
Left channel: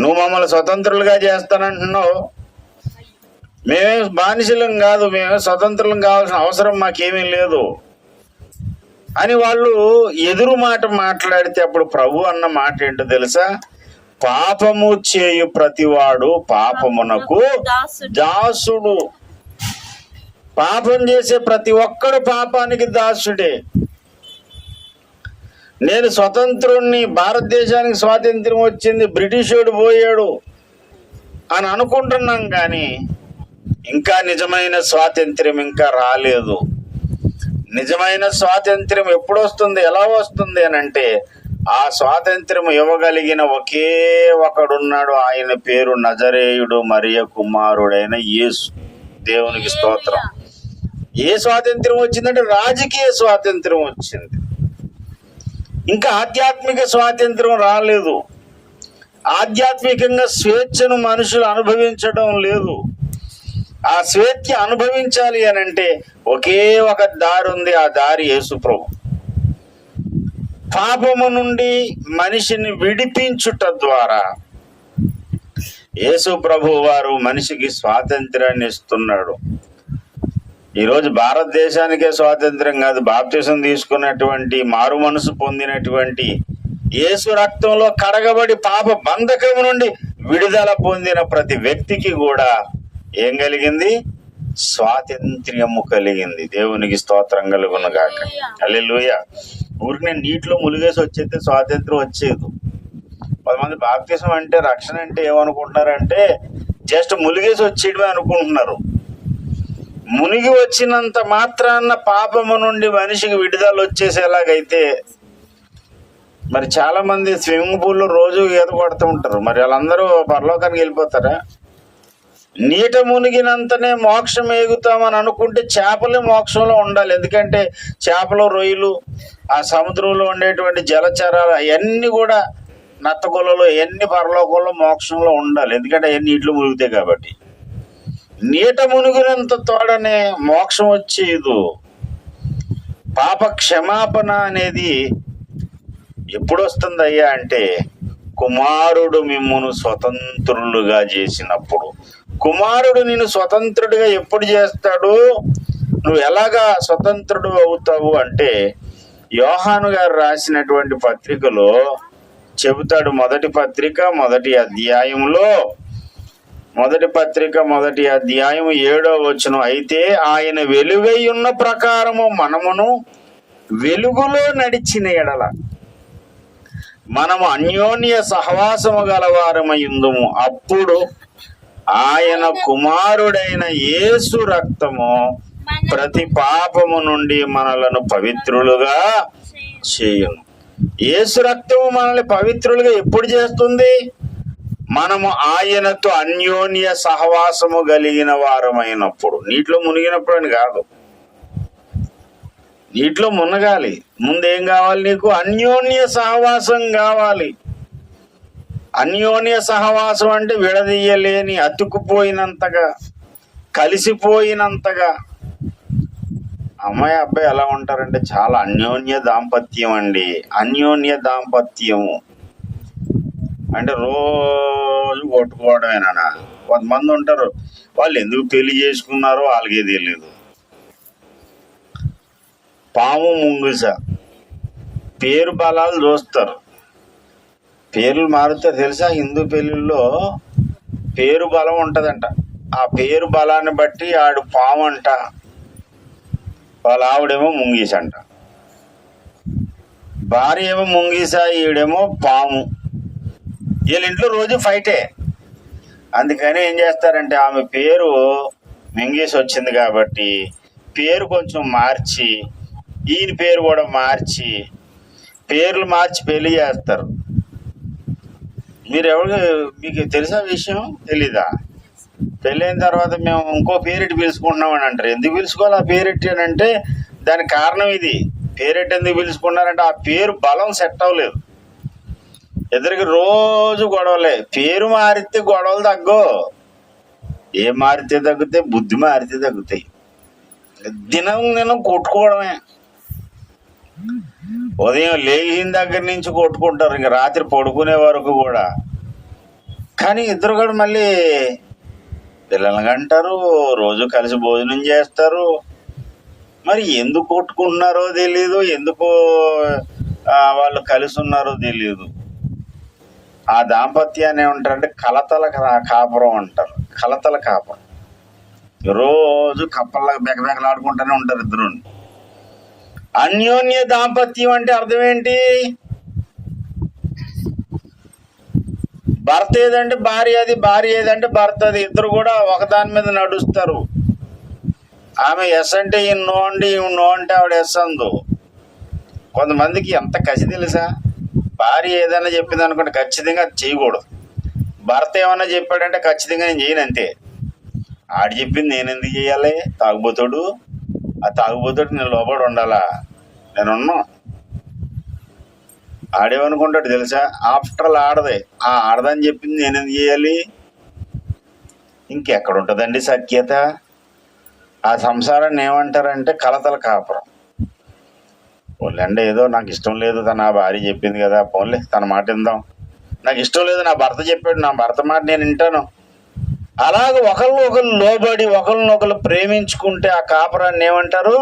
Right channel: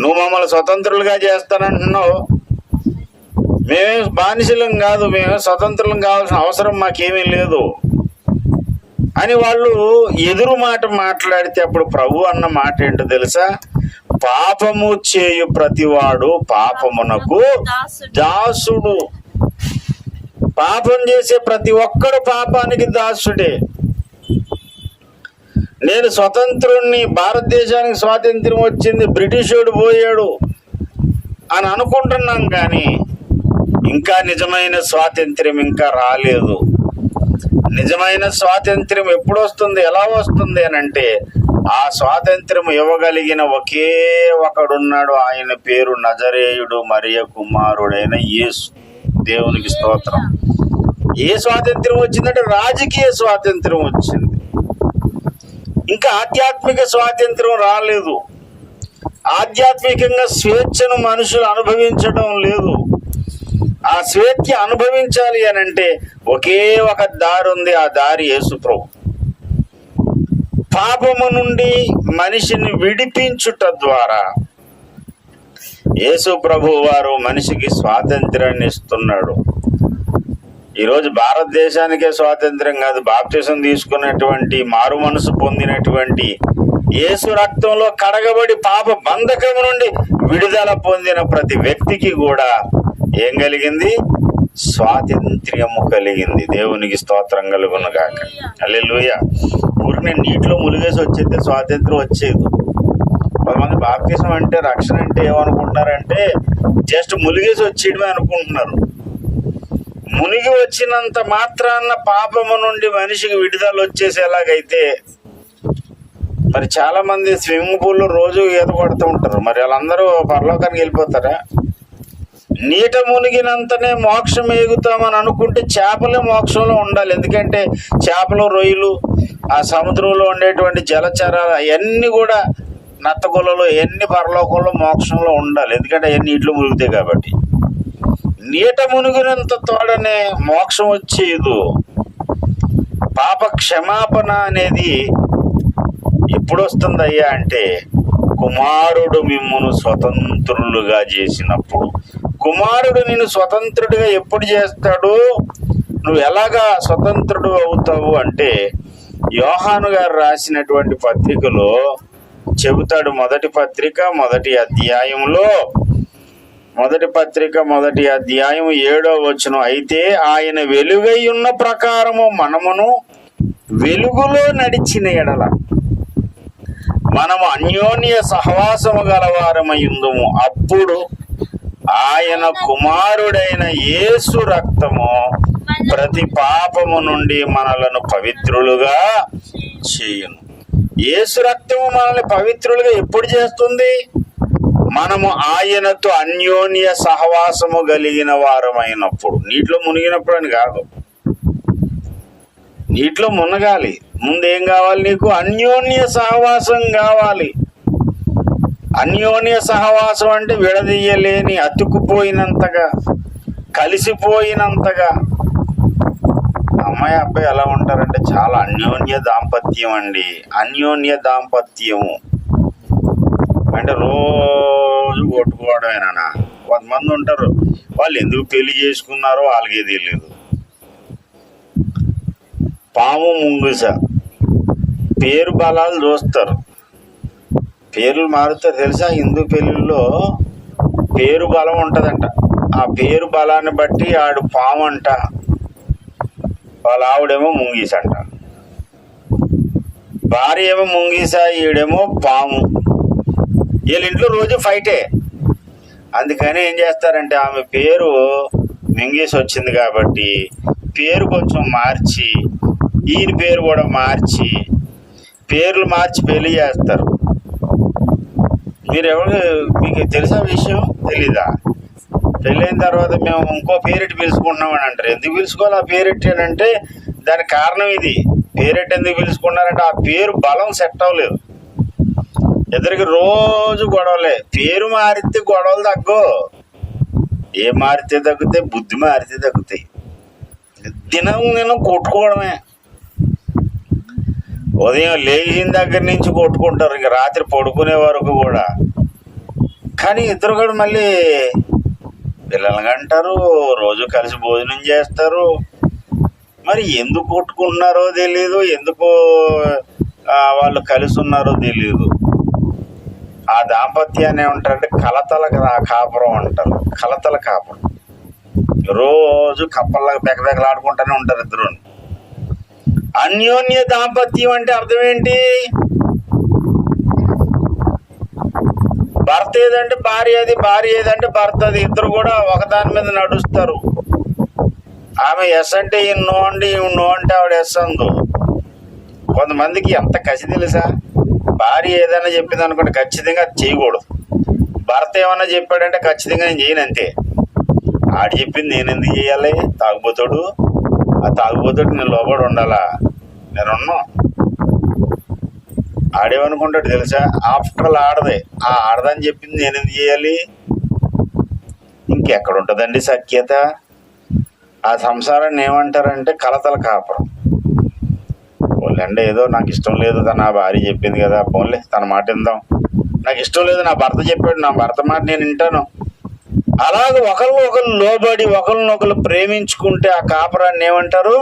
నువ్వు మమ్మల్ని స్వతంత్రులుగా చేస్తానంటున్నావు, మేమేం బానిసలం కాదు, మేమే స్వతంత్రం కావాల్సిన అవసరం మాకేమీ లేదు అని వాళ్ళు ఎదురు మాట మాట్లాడితే అప్పుడు ప్రభు అన్న మాట ఏంటో తెలుసా? పాపము చేయు ప్రతివాడు పాపమునకు దాసుడు. పాపం చేసే ప్రతి ఒక్కడు పాపానికి దాసుడే. నేను స్వతంత్రుణ్ణి, భారతదేశానికి స్వాతంత్ర్యం వచ్చింది, బ్రిటిషోడు పోయాడు అని అనుకుంటున్నాం, కానీ ఇంకా నిజమైన స్వాతంత్ర్యం ఇంకా రాలేదు. నిజమైన స్వాతంత్ర్యం ఎప్పుడు వస్తుంది, ఎలా వస్తుంది అని అంటే, ఆ స్వాతంత్ర్యం ఇవ్వగలిగిన ఒకే ఒకడున్నాడు. ఆయన పేరు నజరేయుడు మరియ కుమారుడైన యేసు. దేవునికి స్తోత్రం. ఏ స్వాతంత్ర్యం వచ్చిందంటే రాజకీయ స్వాతంత్ర్యం వచ్చింది, ఇంకా ఆధ్యాత్మిక స్వాతంత్ర్యం రాలేదు. ఆధ్యాత్మికంగా స్వేచ్ఛను మనుషులు అనుభవించడం లేదు. ఆ స్వేచ్ఛ అనుభవించాలి అని అంటే ఒకే ఒక దారి ఉంది, ఆ దారి యేసు ప్రభు. పాపము నుండి మనిషిని విడిపించుట ద్వారా యేసు ప్రభు వారు మనిషికి స్వాతంత్ర్యాన్ని ఇస్తున్నాడు. ఈరోజు భారతదేశానికే స్వాతంత్ర్యం కాదు, బాప్తిసం తీసుకున్నటువంటి, మారు మనసు పొందినటువంటి, యేసు రక్తంలో కడగబడి పాప బంధకం నుండి విడుదల పొందిన ప్రతి వ్యక్తికి కూడా ఏం కలిగింది? స్వాతంత్ర్యము కలిగింది. దేవునికి స్తోత్రం కలుగును గాక. హల్లెలూయా. ఊరిని నీటిలో ములిగేసి వచ్చేస్తే స్వాతంత్ర్యం వచ్చేది. కొంతమంది బాప్తిసం అంటే, రక్షణ అంటే ఏమనుకుంటున్నారంటే జస్ట్ ములిగేసి వచ్చేయడమే అనుకుంటున్నారు. మునిగి వచ్చినంత మాత్రాన పాపము నుండి మనిషికి విడుదల వచ్చేసేలాగైతే మరి చాలా మంది స్విమ్మింగ్ పూల్లో రోజు ఈత కొడుతూ ఉంటారు. మరి వాళ్ళందరూ పరలోకానికి వెళ్ళిపోతారా? నీట మునిగినంతనే మోక్షం ఎగుతామని అనుకుంటే చేపలే మోక్షంలో ఉండాలి. ఎందుకంటే చేపలు, రొయ్యలు, ఆ సముద్రంలో ఉండేటువంటి జలచరాలు అవన్నీ కూడా, నత్తగులలో ఎన్ని పరలోకంలో మోక్షంలో ఉండాలి. ఎందుకంటే అవన్నీ నీటిలో మునిగితాయి కాబట్టి. నీట మునిగినంత తోడనే మోక్షం వచ్చేదు. పాప క్షమాపణ అనేది ఎప్పుడు వస్తుందయ్యా అంటే, కుమారుడు మిమ్మును స్వతంత్రులుగా చేసినప్పుడు. కుమారుడు నిన్ను స్వతంత్రుడిగా ఎప్పుడు చేస్తాడు? నువ్వు ఎలాగా స్వతంత్రుడు అవుతావు అంటే, యోహాను గారు రాసినటువంటి పత్రికలో చెబుతాడు. మొదటి పత్రిక మొదటి అధ్యాయంలో, మొదటి పత్రిక మొదటి అధ్యాయం 7వ వచనం, అయితే ఆయన వెలుగై ఉన్న ప్రకారము మనమును వెలుగులో నడిచిన ఎడల మనము అన్యోన్య సహవాసము గలవారమయుందుము. అప్పుడు ఆయన కుమారుడైన యేసు రక్తము ప్రతి పాపము నుండి మనలను పవిత్రులుగా చేయును. యేసు రక్తము మనల్ని పవిత్రులుగా ఎప్పుడు చేస్తుంది? మనము ఆయనతో అన్యోన్య సహవాసము కలిగిన వారమైనప్పుడు. నీటిలో మునిగినప్పుడు అని కాదు, నీటిలో మునగాలి. ముందేం కావాలి నీకు? అన్యోన్య సహవాసం కావాలి. అన్యోన్య సహవాసం అంటే విడదీయలేని, అతుక్కుపోయినంతగా, కలిసిపోయినంతగా. అమ్మాయి అబ్బాయి ఎలా ఉంటారంటే చాలా అన్యోన్య దాంపత్యం అండి. అన్యోన్య దాంపత్యము అంటే రోజు కొట్టుకోవడమేనా? కొంతమంది ఉంటారు, వాళ్ళు ఎందుకు పెళ్లి చేసుకున్నారో వాళ్ళకే తెలియదు. పాము ముంగుస పేరు బలాలు చూస్తారు, పేర్లు మారుతారు. తెలుసా, హిందూ పెళ్ళిళ్ళలో పేరు బలం ఉంటుందంట. ఆ పేరు బలాన్ని బట్టి ఆడు పాము అంట, వాళ్ళ ఆవిడేమో ముంగీస అంట. భార్య ఏమో ముంగీస, ఈడేమో పాము. వీళ్ళ ఇంట్లో రోజు ఫైటే. అందుకని ఏం చేస్తారంటే, ఆమె పేరు ముంగీస వచ్చింది కాబట్టి పేరు కొంచెం మార్చి, ఈయన పేరు కూడా మార్చి, పేర్లు మార్చి పెళ్లి చేస్తారు. మీకు తెలిసిన విషయం తెలీదా? పెళ్ళైన తర్వాత మేము ఇంకో పేరెట్టి పిలుచుకుంటున్నామని అంటారు. ఎందుకు పిలుచుకోవాలి ఆ పేరెట్టి అని అంటే, దానికి కారణం ఇది. పేరెట్టి ఎందుకు పిలుచుకున్నారంటే ఆ పేరు బలం సెట్ అవ్వలేదు. ఎదురికి రోజు గొడవలే. పేరు మారితే గొడవలు తగ్గో. ఏ మారితే తగ్గుతాయి? బుద్ధి మారితే తగ్గుతాయి. దినం కొట్టుకోవడమే. ఉదయం లేచిన దగ్గర నుంచి కొట్టుకుంటారు, ఇంక రాత్రి పడుకునే వరకు కూడా. కానీ ఇద్దరు కూడా మళ్ళీ పిల్లల్ని అంటారు, రోజు కలిసి భోజనం చేస్తారు. మరి ఎందుకు కొట్టుకుంటున్నారో తెలియదు, ఎందుకు వాళ్ళు కలిసి ఉన్నారో తెలియదు. ఆ దాంపత్యాన్ని ఏమంటారంటే కలతల కాపురం అంటారు. కలతల కాపురం. రోజు కప్పల్లాగా బెకబెకలాడుకుంటూనే ఉంటారు ఇద్దరు. అన్యోన్య దాంపత్యం అంటే అర్థం ఏంటి? భర్త ఏదంటే భార్య అది, భార్య ఏదంటే భర్త అది. ఇద్దరు కూడా ఒకదాని మీద నడుస్తారు. ఆమె ఎస్ అంటే ఈయన నో అండి, ఈయన నో అంటే ఆవిడ ఎస్ అందు. కొంతమందికి ఎంత కసి తెలుసా? భార్య ఏదైనా చెప్పింది అనుకుంటే ఖచ్చితంగా అది చేయకూడదు. భర్త ఏమన్నా చెప్పాడంటే ఖచ్చితంగా నేను చేయను, అంతే. ఆడు చెప్పింది నేను ఎందుకు చేయాలి? తాగుబోతాడు, ఆ తాగుబోతాడు నేను లోపల ఉండాలా? నేనున్నా. ఆడేమనుకుంటాడు తెలుసా? ఆఫ్టర్ ఆల్ ఆడదే, ఆ ఆడదని చెప్పింది నేను ఎందుకు చేయాలి? ఇంకెక్కడ ఉంటుందండి సఖ్యత? ఆ సంసారాన్ని ఏమంటారంటే కలతల కాపురం. పోలేండి, ఏదో నాకు ఇష్టం లేదు, తన భార్య చెప్పింది కదా, పోన్లే తన మాట విందాం. నాకు ఇష్టం లేదు, నా భర్త చెప్పాడు, నా భర్త మాట నేను వింటాను. అలాగే ఒకళ్ళు లోబడి ఒకరినొకరు ప్రేమించుకుంటే ఆ కాపురాన్ని ఏమంటారు?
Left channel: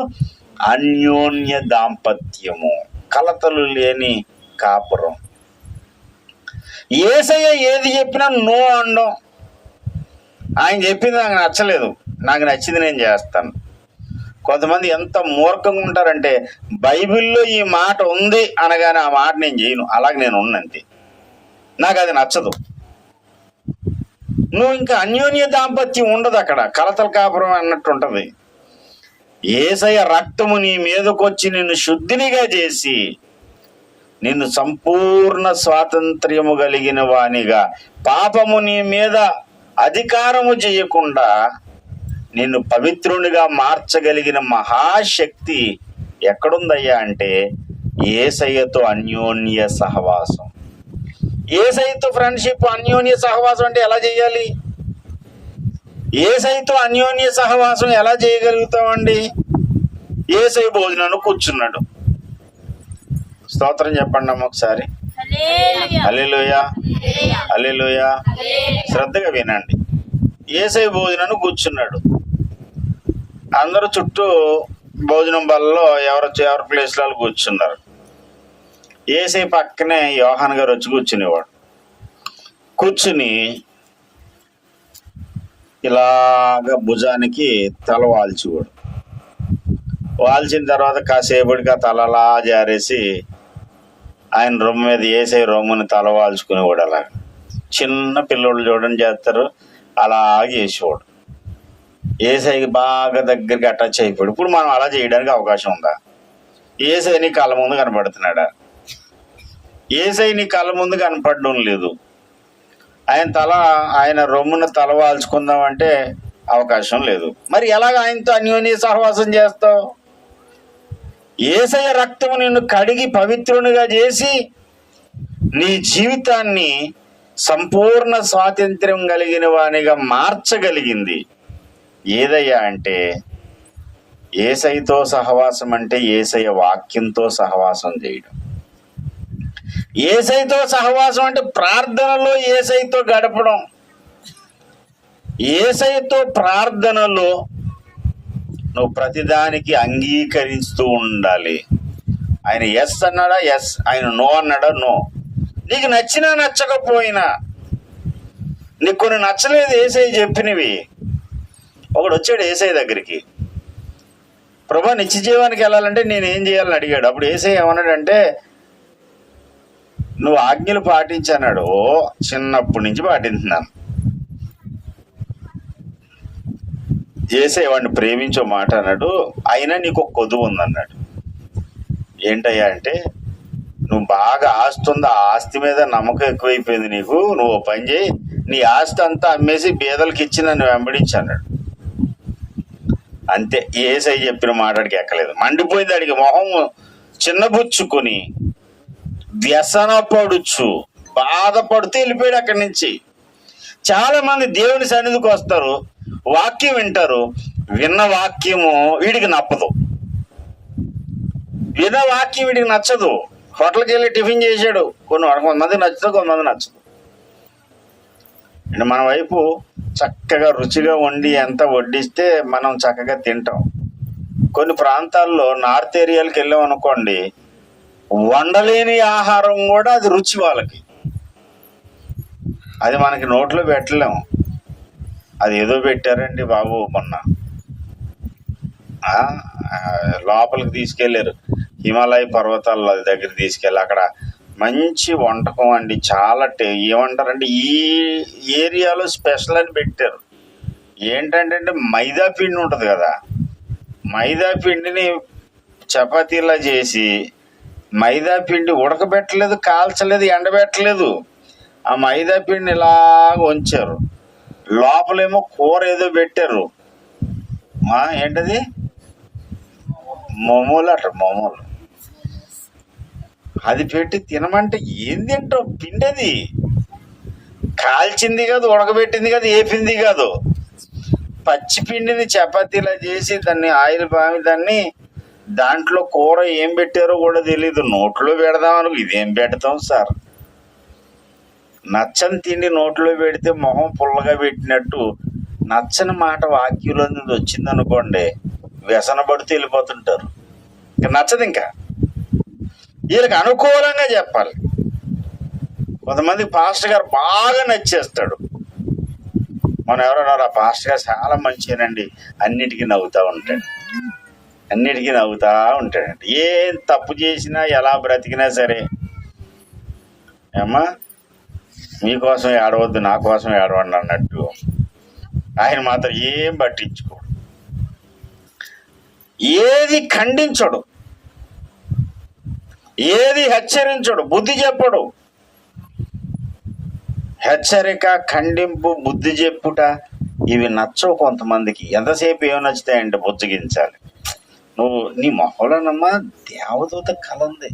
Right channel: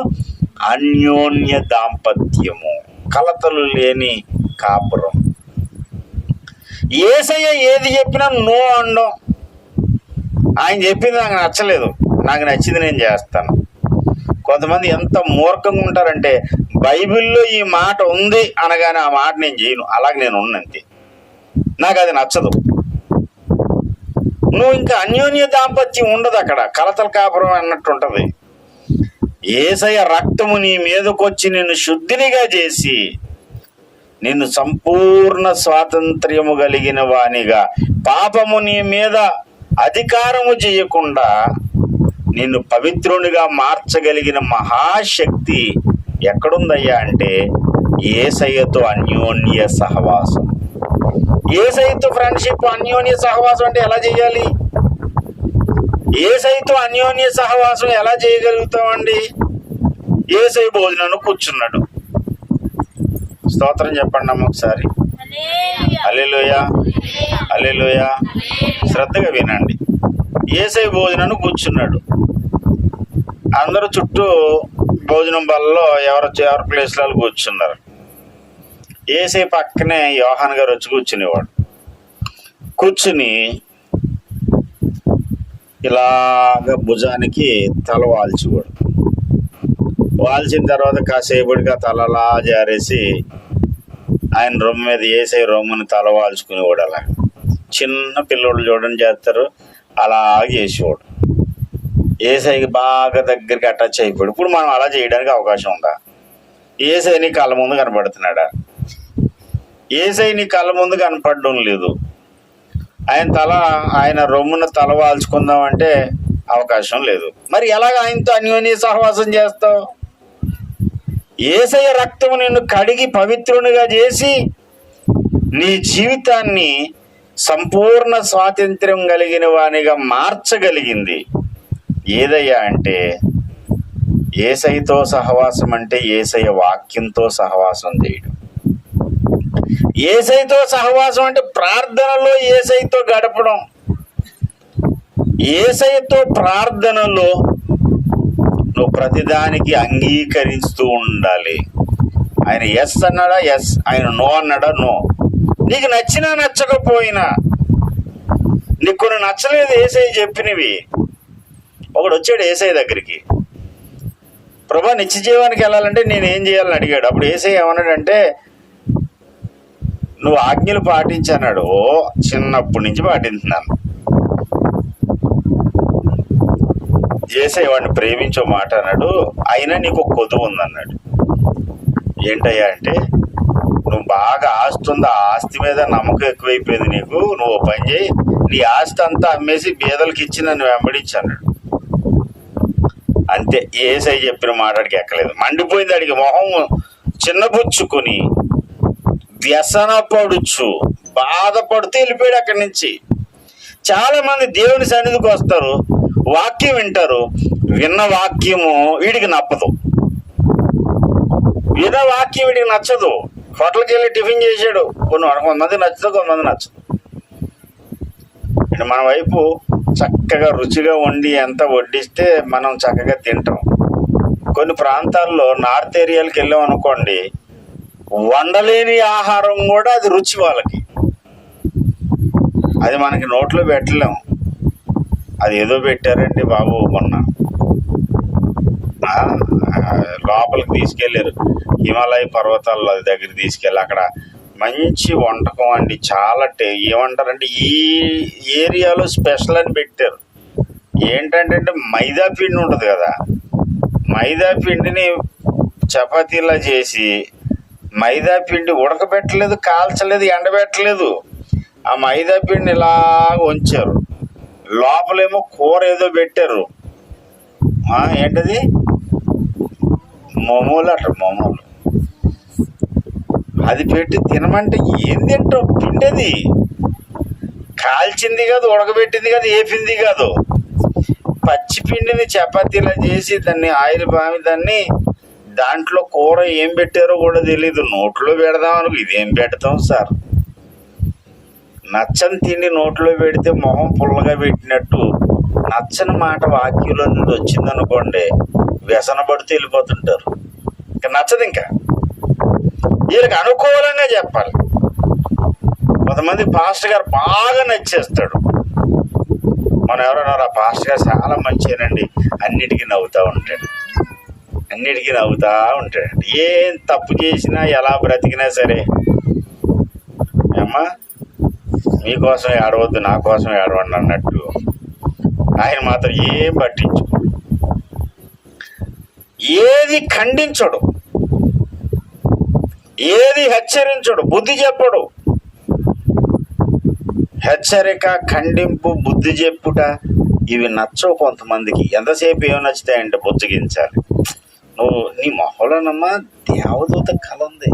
అన్యోన్య దాంపత్యము, కలతలు లేని కాపురం. యేసయ్య ఏది చెప్పినా నో అనడం. ఆయన చెప్పింది నాకు నచ్చలేదు, నాకు నచ్చింది నేను చేస్తాను. కొంతమంది ఎంత మూర్ఖంగా ఉంటారంటే బైబిల్లో ఈ మాట ఉంది అనగానే ఆ మాట నేను చేయను, అలాగే నేను ఉన్నంతే, నాకు అది నచ్చదు. నువ్వు ఇంకా అన్యోన్య దాంపత్యం ఉండదు అక్కడ, కలతల కాపురం అన్నట్టు ఉంటుంది. యేసయ్య రక్తము నీ మీదకొచ్చి నిన్ను శుద్ధినిగా చేసి నిన్ను సంపూర్ణ స్వాతంత్ర్యము కలిగిన వానిగా, పాపము నీ మీద అధికారము చేయకుండా నిన్ను పవిత్రునిగా మార్చగలిగిన మహాశక్తి ఎక్కడుందయ్యా అంటే యేసయ్యతో అన్యోన్య సహవాసం. యేసయ్యతో ఫ్రెండ్షిప్, అన్యోన్య సహవాసం అంటే ఎలా చేయాలి? యేసయ్యతో అన్యోన్య సహవాసం ఎలా చేయగలుగుతామండి? యేసయ్య భోజనంలో కూర్చున్నాడు. స్తోత్రం చెప్పండి అమ్మ ఒకసారి. హల్లెలూయా, హల్లెలూయా. శ్రద్ధగా వినండి. యేసయ్య భోజనాన్ని కూర్చున్నాడు. అందరూ చుట్టూ భోజనం బల్లలో ఎవరి ప్లేస్లలో కూర్చున్నారు. యేసయ్య పక్కనే యోహాన్ గారు వచ్చి కూర్చునేవాడు. కూర్చుని ఇలాగ భుజానికి తల వాల్చేవాడు. వాల్చిన తర్వాత కాసేపటికి ఆ తలలా జారేసి ఆయన రొమ్ము మీద యేసయ్య రొమ్ముని తల వాల్చుకునేవాడు. అలాగ చిన్న పిల్లోళ్ళు చూడడం చేస్తారు, అలాగే చేసేవాడు. యేసయ్యకి బాగా దగ్గరికి అటాచ్ అయిపోయాడు. ఇప్పుడు మనం అలా చేయడానికి అవకాశం ఉందా? యేసయ్య నీ కళ్ళ ముందు కనపడుతున్నాడా? యేసయ్య నీ కళ్ళ ముందు కనపడడం లేదు. ఆయన రొమ్మున తల వాల్చుకుందామంటే అవకాశం లేదు. మరి ఎలాగ ఆయనతో అన్యోన్య సహవాసం చేస్తావు? యేసయ్య రక్తము నిన్ను కడిగి పవిత్రునిగా చేసి నీ జీవితాన్ని సంపూర్ణ స్వాతంత్ర్యం కలిగిన వానిగా మార్చగలిగింది. ఏదయ్యా అంటే యేసయ్యతో సహవాసం అంటే యేసయ్య వాక్యంతో సహవాసం చేయడం. యేసయ్యతో సహవాసం అంటే ప్రార్థనలో యేసయ్యతో గడపడం. యేసయ్యతో ప్రార్థనలో నువ్వు ప్రతిదానికి అంగీకరిస్తూ ఉండాలి. ఆయన ఎస్ అన్నాడా ఎస్, ఆయన నో అన్నాడా నో. నీకు నచ్చినా నచ్చకపోయినా, నీకు కొన్ని నచ్చలేదు యేసయ్య చెప్పినవి. ఒకడు వచ్చాడు యేసయ్య దగ్గరికి, ప్రభా నిత్య జీవానికి వెళ్ళాలంటే నేను ఏం చేయాలని అడిగాడు. అప్పుడు యేసయ్య ఏమన్నాడంటే నువ్వు ఆజ్ఞలు పాటించన్నాడు. ఓ చిన్నప్పటి నుంచి పాటించున్నాను. యేసయ్య వాడిని ప్రేమించో మాట అన్నాడు. అయినా నీకు ఒక కొదువు ఉందన్నాడు. ఏంటయ్యా అంటే నువ్వు బాగా ఆస్తి ఉంది, ఆ ఆస్తి మీద నమ్మకం ఎక్కువైపోయింది నీకు. నువ్వు పని చేయి, నీ ఆస్తి అంతా అమ్మేసి బీదలకి ఇచ్చి నన్ను వెంబడించి అన్నాడు. అంతే, యేసయ్య చెప్పిన మాటడికి ఎక్కలేదు. మండిపోయింది. అడిగి మొహం చిన్నబుచ్చుకొని వ్యసన పడుచు బాధపడుతూ వెళ్ళిపోయాడు అక్కడి నుంచి. చాలా మంది దేవుని సన్నిధికి వస్తారు, వాక్యం వింటారు, విన్న వాక్యము వీడికి నప్పదు. విన్న వాక్యం వీడికి నచ్చదు. హోటల్కి వెళ్ళి టిఫిన్ చేశాడు, కొంతమంది నచ్చుతుంది, కొంతమంది నచ్చదు. అంటే మన వైపు చక్కగా రుచిగా వండి ఎంత వడ్డిస్తే మనం చక్కగా తింటాం. కొన్ని ప్రాంతాల్లో నార్త్ ఏరియాలకు వెళ్ళాం అనుకోండి, వండలేని ఆహారం కూడా అది రుచి వాళ్ళకి, అది మనకి నోట్లో పెట్టలేము. అది ఏదో పెట్టారండి బాబు, మొన్న లోపలికి తీసుకెళ్ళారు, హిమాలయ పర్వతాల దగ్గర తీసుకెళ్ళి అక్కడ మంచి వంటకం అండి. చాలా ఏమంటారంటే ఈ ఏరియాలో స్పెషల్ అని పెట్టారు. ఏంటంటే మైదా పిండి ఉంటుంది కదా, మైదా పిండిని చపాతీలా చేసి, మైదా పిండి ఉడకబెట్టలేదు, కాల్చలేదు, ఎండబెట్టలేదు, ఆ మైదా పిండిని ఇలా ఉంచారు. లోపలేమో కూర ఏదో పెట్టారు, ఏంటది మొమోలు అంటారు, మొమోలు. అది పెట్టి తినమంటే ఏం తింటావు? పిండి అది కాల్చింది కాదు, ఉడకబెట్టింది కాదు, ఏపింది కాదు, పచ్చి పిండిని చపాతీలా చేసి దాన్ని ఆయిల్ బామి దాన్ని దాంట్లో కూర ఏం పెట్టారో కూడా తెలీదు. నోట్లో పెడదాం అనుకో, ఇదేం పెడతాం సార్? నచ్చని తిండి నోట్లో పెడితే మొహం పుల్లగా పెట్టినట్టు, నచ్చని మాట వాక్యంలో నుండి వచ్చిందనుకోండి, వ్యసన పడుతూ వెళ్ళిపోతుంటారు. ఇంకా నచ్చదు. ఇంకా వీళ్ళకి అనుకూలంగా చెప్పాలి. కొంతమంది పాస్టర్ గారు బాగా నచ్చేస్తాడు. మనం ఎవరన్నారు, ఆ పాస్టర్ గారు చాలా మంచిగానండి, అన్నిటికీ నవ్వుతూ ఉంటాడు, అన్నిటికీ నవ్వుతూ ఉంటాడండి. ఏం తప్పు చేసినా ఎలా బ్రతికినా సరే, అమ్మా మీకోసం ఏడవద్దు, నా కోసం ఏడవండి అన్నట్టు ఆయన మాత్రం ఏం పట్టించుకో, ఏది ఖండించడు, ఏది హెచ్చరించడు, బుద్ధి చెప్పడు. హెచ్చరిక, ఖండింపు, బుద్ధి చెప్పుట ఇవి నచ్చవు కొంతమందికి. ఎంతసేపు ఏమి నచ్చుతాయంటే బుజ్జగించాలి. నువ్వు నీ మొహంలోనమ్మా దేవదూత కళ ఉంది.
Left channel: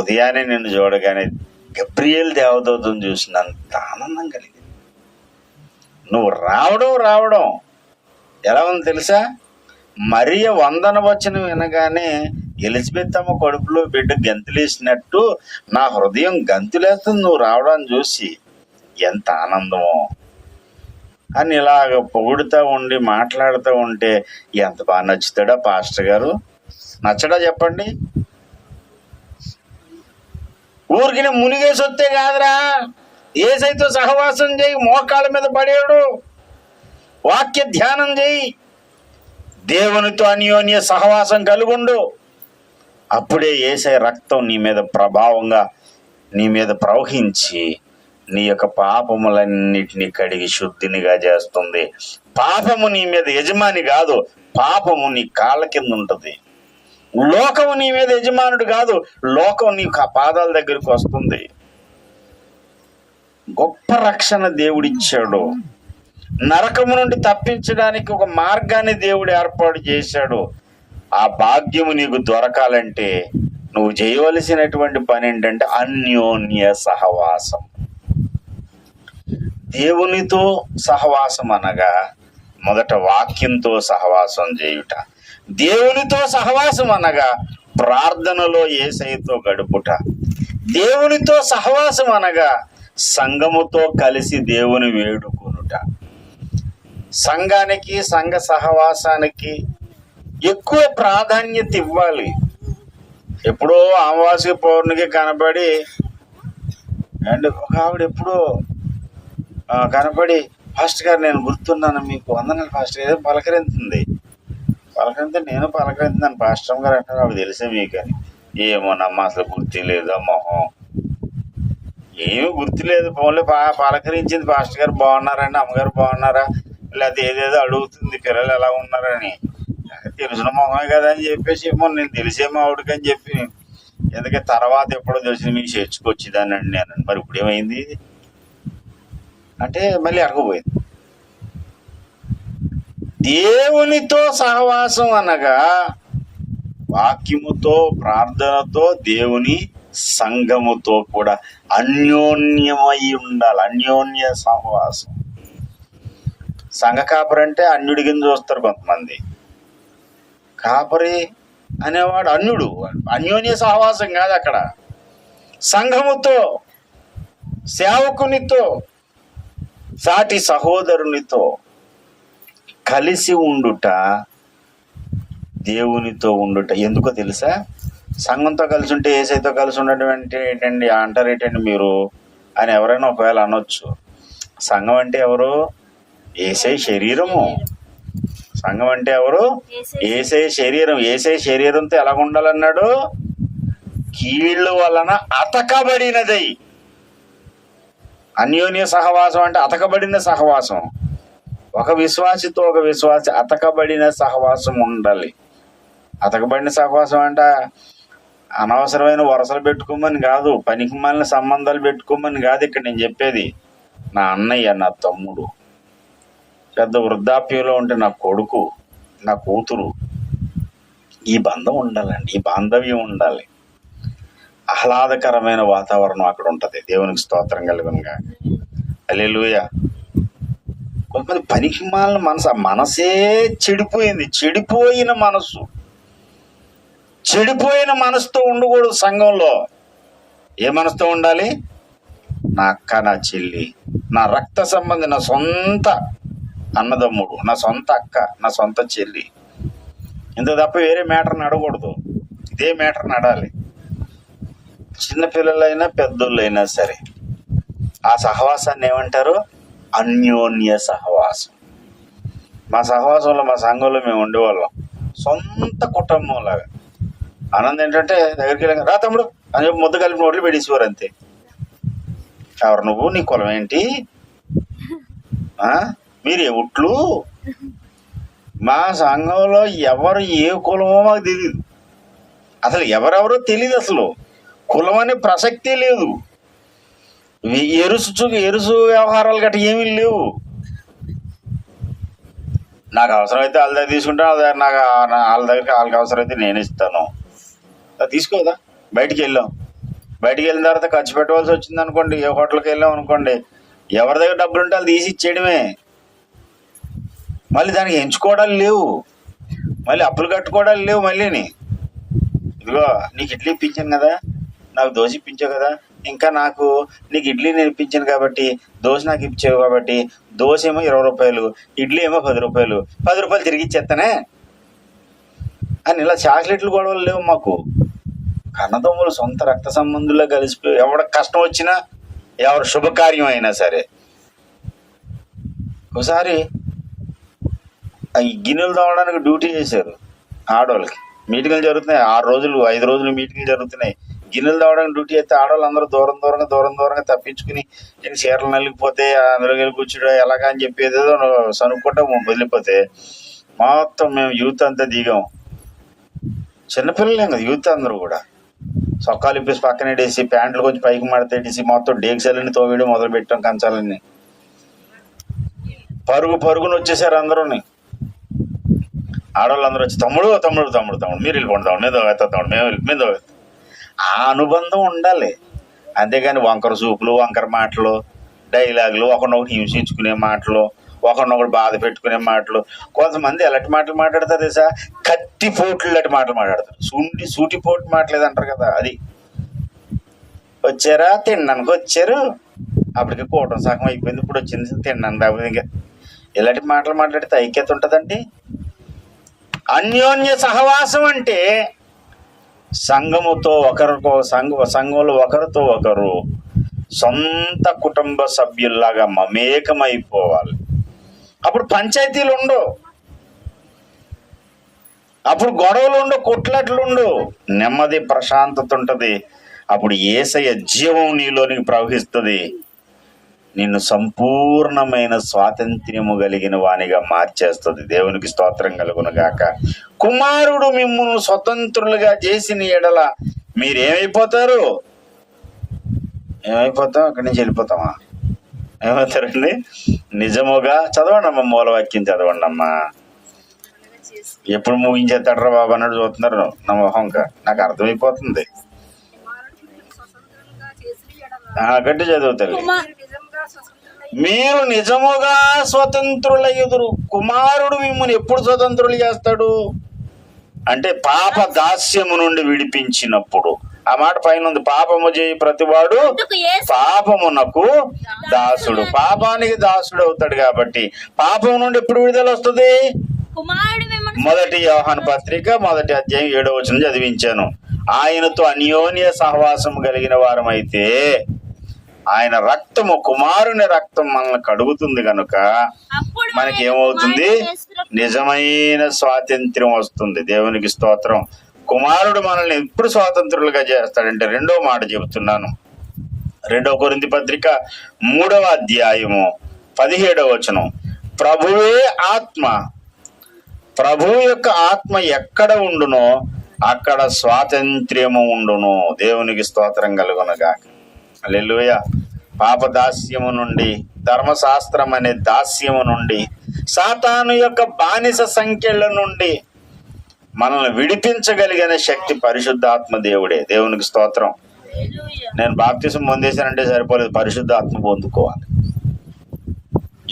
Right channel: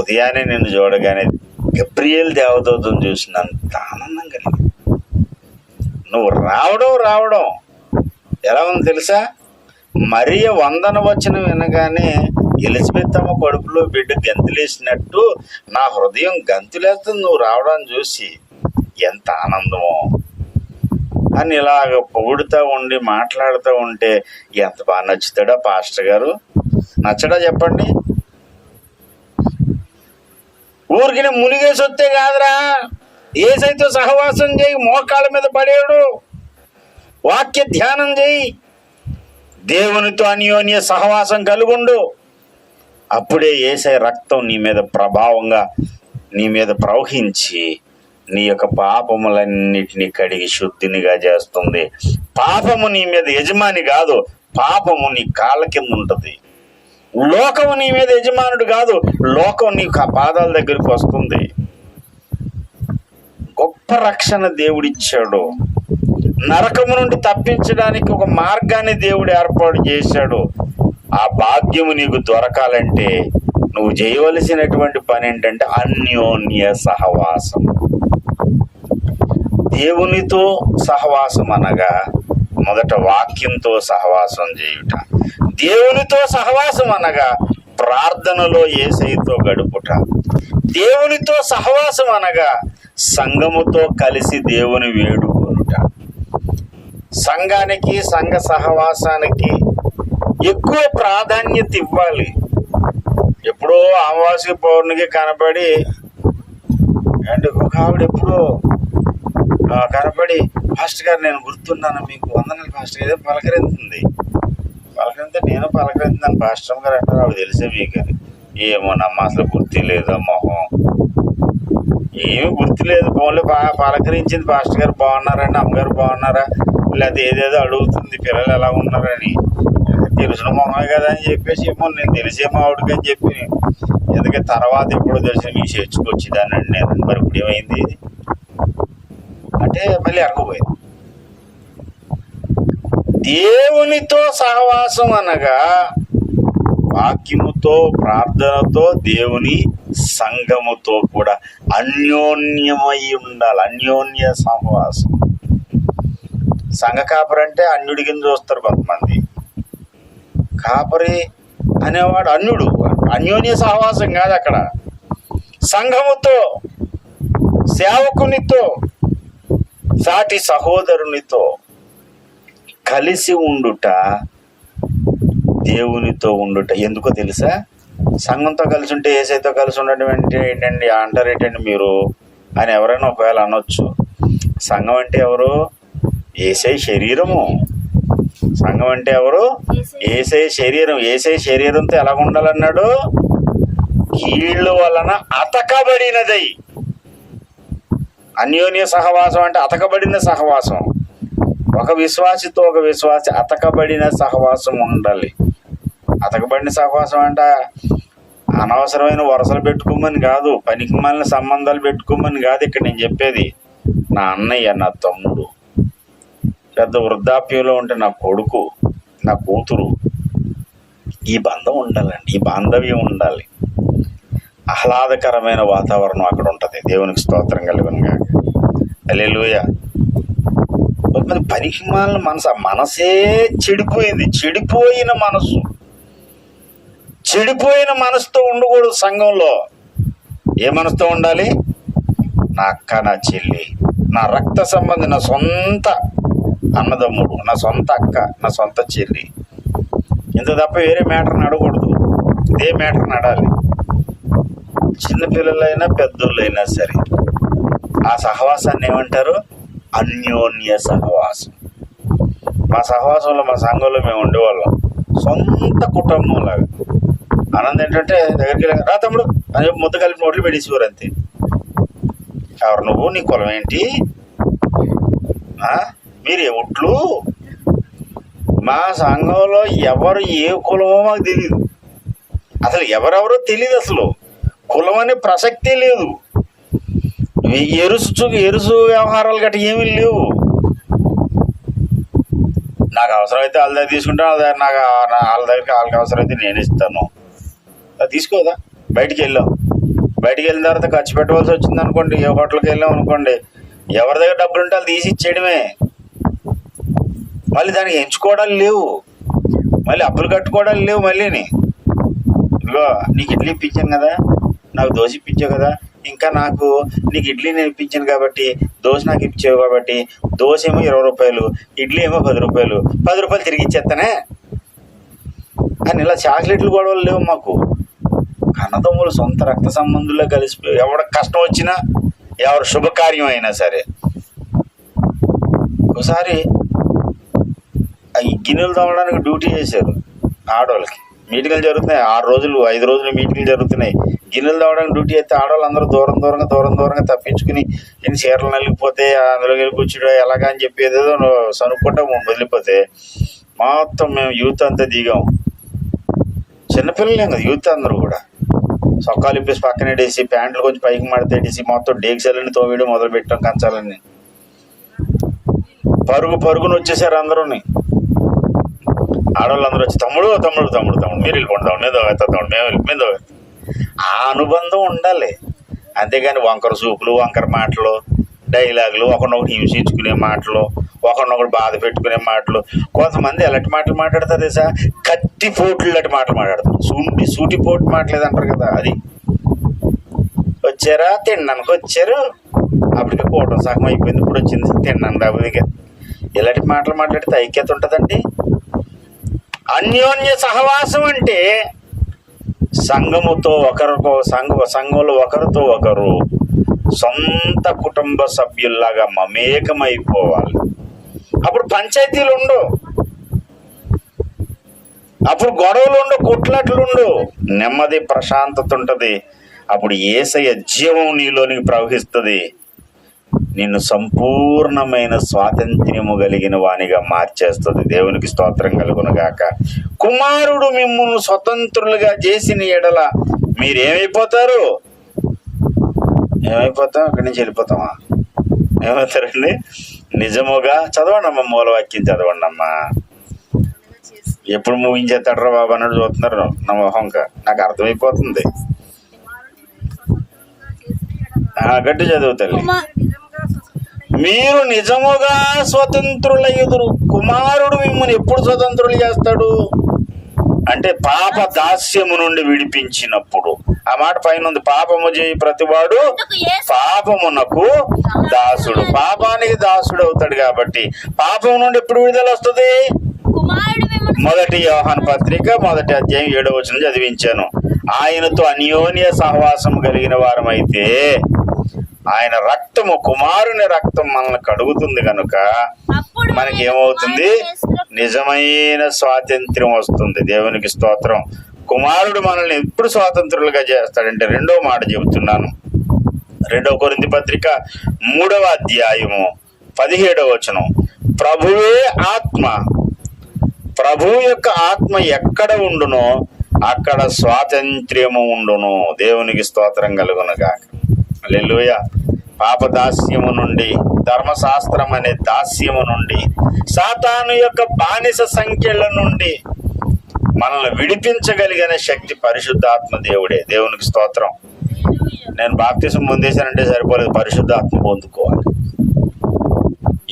ఉదయాన్నే నిన్ను చూడగానే గబ్రియల్ దేవదూతను చూసినంత ఆనందం కలిగింది. నువ్వు రావడం ఎలా ఉంది తెలుసా? మరియ వందన వచనం వినగానే ఎలిజబెత్ అమ్మ కడుపులో బిడ్డ గంతులేసినట్టు నా హృదయం గంతులేస్తుంది నువ్వు రావడాన్ని చూసి. ఎంత ఆనందమో అని ఇలాగ పొగుడుతూ ఉండి మాట్లాడుతూ ఉంటే ఎంత బాగా నచ్చుతాడా పాస్టర్ గారు? నచ్చడా చెప్పండి? ఊరికి మునిగేసి వస్తే కాదురా, ఏసైతో సహవాసం చేయి, మోకాళ్ళ మీద పడేడు, వాక్య ధ్యానం చేయి, దేవునితో అన్యోన్య సహవాసం కలుగుండు. అప్పుడే యేసే రక్తం నీ మీద ప్రభావంగా నీ మీద ప్రవహించి నీ యొక్క పాపములన్నిటినీ కడిగి శుద్ధినిగా చేస్తుంది. పాపము నీ మీద యజమాని కాదు, పాపము నీ కాళ్ళ కింద ఉంటుంది. లోకము నీ మీద యజమానుడు కాదు, లోకం నీ పాదాల దగ్గరికి వస్తుంది. గొప్ప రక్షణ దేవుడిచ్చాడు. నరకము నుండి తప్పించడానికి ఒక మార్గాన్ని దేవుడు ఏర్పాటు చేశాడు. ఆ భాగ్యము నీకు దొరకాలంటే నువ్వు చేయవలసినటువంటి పని ఏంటంటే అన్యోన్య సహవాసం. దేవునితో సహవాసం అనగా మొదట వాక్యంతో సహవాసం చేయుట, దేవునితో సహవాసం అనగా ప్రార్థనలో యేసయ్యతో గడుపుట, దేవునితో సహవాసం అనగా సంఘముతో కలిసి దేవుని వేడుకొనుట. సంఘానికి, సంఘ సహవాసానికి ఎక్కువ ప్రాధాన్యత ఇవ్వాలి. ఎప్పుడో అమావాస్య పౌర్ణమికి కనపడి అండ్ ఒక ఆవిడ ఎప్పుడో కనపడి, పాస్టర్ గారు నేను గుర్తున్నాను మీకు, వందనాలు పాస్టర్ గారు, పలకరించింది. పలకరితే నేను పలకరించాను, పాస్టర్ గారు అంటారు, ఆవిడ తెలిసే మీకు అని. ఏమో నమ్మ అసలు గుర్తు లేదు, మొహం ఏమీ గుర్తులేదు. ఫోన్లో పలకరించింది, పాస్టర్ గారు బాగున్నారండి, అమ్మగారు బాగున్నారా, లేకపోతే ఏదేదో అడుగుతుంది, పిల్లలు ఎలా ఉన్నారని. తెలిసిన మొహమే కదా అని చెప్పేసి ఏమో నేను తెలిసేమో ఆవిడకి అని చెప్పి, ఎందుకంటే తర్వాత ఎప్పుడో తెలిసిన మీకు చేర్చుకొచ్చేదానండి నేను. మరి ఇప్పుడు ఏమైంది అంటే మళ్ళీ అడగపోయింది. దేవునితో సహవాసం అనగా వాక్యముతో, ప్రార్థనతో, దేవుని సంఘముతో కూడా అన్యోన్యమై ఉండాలి. అన్యోన్య సహవాసం. సంఘ కాపరి అంటే అన్యుడి కింద చూస్తారు కొంతమంది. కాపరి అనేవాడు అన్యుడు. అన్యోన్య సహవాసం కాదు అక్కడ. సంఘముతో, సేవకునితో, సాటి సహోదరునితో కలిసి ఉండుట, దేవునితో ఉండుట. ఎందుకో తెలుసా? సంఘంతో కలిసి ఉంటే యేసయ్యతో కలిసి ఉండడం అంటే ఏంటండి అంటారేటండి మీరు అని ఎవరైనా ఒకవేళ అనొచ్చు. సంఘం అంటే ఎవరు? యేసయ్య శరీరము. సంఘం అంటే ఎవరు? యేసయ్య శరీరం. యేసయ్య శరీరంతో ఎలాగ ఉండాలన్నాడు? కీళ్ళ వలన అతకబడినదై. అన్యోన్య సహవాసం అంటే అతకబడిన సహవాసం. ఒక విశ్వాసితో ఒక విశ్వాసి అతకబడిన సహవాసం ఉండాలి. అతకబడిన సహవాసం అంటే అనవసరమైన వరసలు పెట్టుకోమని కాదు, పనికి మాలిన సంబంధాలు పెట్టుకోమని కాదు. ఇక్కడ నేను చెప్పేది నా అన్నయ్య, నా తమ్ముడు, పెద్ద వృద్ధాప్యంలో ఉంటే నా కొడుకు, నా కూతురు, ఈ బంధం ఉండాలండి. ఈ బాంధవ్యం ఉండాలి. ఆహ్లాదకరమైన వాతావరణం అక్కడ ఉంటుంది. దేవునికి స్తోత్రం కలుగునుగా. హల్లెలూయా. కొంతమంది పనికి మాలిన మనసు, ఆ మనసే చెడిపోయింది. చెడిపోయిన మనసు, చెడిపోయిన మనసుతో ఉండకూడదు సంఘంలో. ఏ మనసుతో ఉండాలి? నా అక్క, నా చెల్లి, నా రక్త సంబంధి, నా సొంత అన్నదమ్ముడు, నా సొంత అక్క, నా సొంత చెల్లి. ఇంత తప్ప వేరే మ్యాటర్ నడకూడదు. ఇదే మ్యాటర్ నడాలి. చిన్నపిల్లలైనా పెద్దోళ్ళైనా సరే ఆ సహవాసాన్ని ఏమంటారు? అన్యోన్య సహవాసం. మా సహవాసంలో, మా సంఘంలో మేము ఉండేవాళ్ళం సొంత కుటుంబం లాగా. ఆనందం ఏంటంటే దగ్గరికి వెళ్ళాక రా తమ్ముడు అని చెప్పి ముద్ద కలిపి నోట్లు పెట్టేసేవారు అంతే. ఎవరు నువ్వు? నీ కులం ఏంటి? మీరు ఎవుట్లు? మా సంఘంలో ఎవరు ఏ కులమో మాకు తెలియదు. అసలు ఎవరెవరో తెలియదు. అసలు కులం అనే ప్రసక్తే లేదు. ఎరుసు వ్యవహారాలు గట్రా ఏమీ లేవు. నాకు అవసరమైతే వాళ్ళ దగ్గర తీసుకుంటాను, నాకు వాళ్ళ దగ్గరికి వాళ్ళకి అవసరమైతే నేను ఇస్తాను. తీసుకోదా? బయటికి వెళ్ళాం, బయటికి వెళ్ళిన తర్వాత ఖర్చు పెట్టవలసి వచ్చింది అనుకోండి, ఏ హోటల్కి వెళ్ళాం అనుకోండి, ఎవరి దగ్గర డబ్బులు ఉంటే వాళ్ళు తీసి ఇచ్చేయడమే. మళ్ళీ దానికి ఎంచుకోవడాలు లేవు, మళ్ళీ అప్పులు కట్టుకోవడాలు లేవు. మళ్ళీని ఇదిగో నీకు ఇడ్లీ ఇప్పించాను కదా, నాకు దోశ ఇప్పించావు కదా, ఇంకా నాకు నీకు ఇడ్లీ నేను ఇప్పించాను కాబట్టి దోశ నాకు ఇప్పించావు కాబట్టి దోశ ఏమో 20 రూపాయలు, ఇడ్లీ ఏమో 10 రూపాయలు, 10 రూపాయలు తిరిగి ఇచ్చేస్తానే అని ఇలా చాక్లెట్లు గొడవలు లేవు మాకు. కన్నదమ్ములు, సొంత రక్త సంబంధుల్లో కలిసిపోయి ఎవడ కష్టం వచ్చినా, ఎవరు శుభకార్యం అయినా సరే. ఒకసారి ఈ గిన్నెలు తవ్వడానికి డ్యూటీ చేశారు ఆడవాళ్ళకి. మీటింగ్లు జరుగుతున్నాయి 6 రోజులు 5 రోజులు మీటింగ్లు జరుగుతున్నాయి. గిన్నెలు తవ్వడానికి డ్యూటీ అయితే ఆడవాళ్ళు అందరూ దూరంగా తప్పించుకుని నేను చీరలు నలిగిపోతే అందులో వెళ్ళి కూర్చుంటే ఎలాగా అని చెప్పి ఏదేదో సనుక్కుంటా వదిలిపోతే మొత్తం మేము యూత్ అంతా దిగాం. చిన్నపిల్లలేం కదా యూత్ అందరూ కూడా. సొక్కాలు ఇప్పేసి పక్కన వేసి ప్యాంట్లు కొంచెం పైకి మడతేసి మొత్తం డేక్సలన్నీ తోవేయడం మొదలు పెట్టాం. కంచాలన్నీ పరుగున వచ్చేసారు అందరూని. ఆడవాళ్ళు అందరూ వచ్చి తమ్ముడు మీరు వెళ్ళిపోండి, మీద ఆ అనుబంధం ఉండాలి. అంతేగాని వంకర సూపులు, వంకర మాటలు, డైలాగులు, ఒకరినొకటి హింసించుకునే మాటలు, ఒకరినొకటి బాధ పెట్టుకునే మాటలు. కొంతమంది ఎలాంటి మాటలు మాట్లాడతారు తెలుసా? కత్తిపోట్లు లాంటి మాటలు మాట్లాడతారు. సూటిపోటు మాటలు అంటారు కదా, అది. వచ్చారా? తినడానికి వచ్చారు, అప్పటికే కూటం సగం అయిపోయింది, ఇప్పుడు వచ్చింది తిన్నాను రాబోదు. ఇంకా ఇలాంటి మాటలు మాట్లాడితే ఐక్యత ఉంటుందండి. అన్యోన్య సహవాసం అంటే సంఘంలో ఒకరితో ఒకరు సొంత కుటుంబ సభ్యుల్లాగా మమేకమైపోవాలి. అప్పుడు పంచాయతీలు ఉండవు, అప్పుడు గొడవలు ఉండవు, కొట్లాట్లు ఉండవు, నెమ్మది ప్రశాంతత ఉంటుంది. అప్పుడు యేసయ్య జీవం నీలోనికి ప్రవహిస్తుంది. నిన్ను సంపూర్ణమైన స్వాతంత్ర్యము కలిగిన వానిగా మార్చేస్తుంది. దేవునికి స్తోత్రం కలుగునుగాక. కుమారుడు మిమ్మును స్వతంత్రులుగా చేసిన ఎడల మీరేమైపోతారు? అక్కడి నుంచి వెళ్ళిపోతామా? ఏమవుతారండి? నిజముగా చదవండి అమ్మా, మూలవాక్యం చదవండి అమ్మా. ఎప్పుడు ముగించేస్తాడరా బాబు అన్నట్టు చూస్తున్నారు నా మొహంక. నాకు అర్థమైపోతుంది. గట్టి చదువుతారు. మీరు నిజముగా స్వతంత్రులయ్యుదురు. కుమారుడు మిమ్మల్ని ఎప్పుడు స్వతంత్రులు చేస్తాడు? అంటే పాప దాస్యము నుండి విడిపించినప్పుడు. ఆ మాట పైన ఉంది, పాపము చేయి ప్రతివాడు పాపమునకు దాసుడు. పాపానికి దాసుడు అవుతాడు కాబట్టి పాపం నుండి ఎప్పుడు విడుదల వస్తుంది? మొదటి యోహాను పత్రిక 1వ అధ్యాయం 7వ వచనం చదివించాను. ఆయనతో అన్యోన్య సహవాసం కలిగిన వారమైతే ఆయన రక్తము, కుమారుని రక్తం మనల్ని కడుగుతుంది కనుక మనకి ఏమవుతుంది? నిజమైన స్వాతంత్ర్యం వస్తుంది. దేవునికి స్తోత్రం. కుమారుడు మనల్ని ఎప్పుడు స్వాతంత్రులుగా చేస్తాడంటే, 2వ మాట చెబుతున్నాను, 2వ కొరింథీ పత్రిక 3వ అధ్యాయము 17వ వచనం. ప్రభువే ఆత్మ, ప్రభువు యొక్క ఆత్మ ఎక్కడ ఉండునో అక్కడ స్వాతంత్ర్యము ఉండును. దేవునికి స్తోత్రం కలుగునుగా. హల్లెలూయా. పాప దాస్యము నుండి, ధర్మశాస్త్రం అనే దాస్యము నుండి, సాతాను యొక్క బానిస సంఖ్యల నుండి మనల్ని విడిపించగలిగిన శక్తి పరిశుద్ధాత్మ దేవుడే. దేవునికి స్తోత్రం. నేను బాప్తిసం పొందేశానంటే సరిపోలేదు, పరిశుద్ధాత్మ పొందుకోవాలి.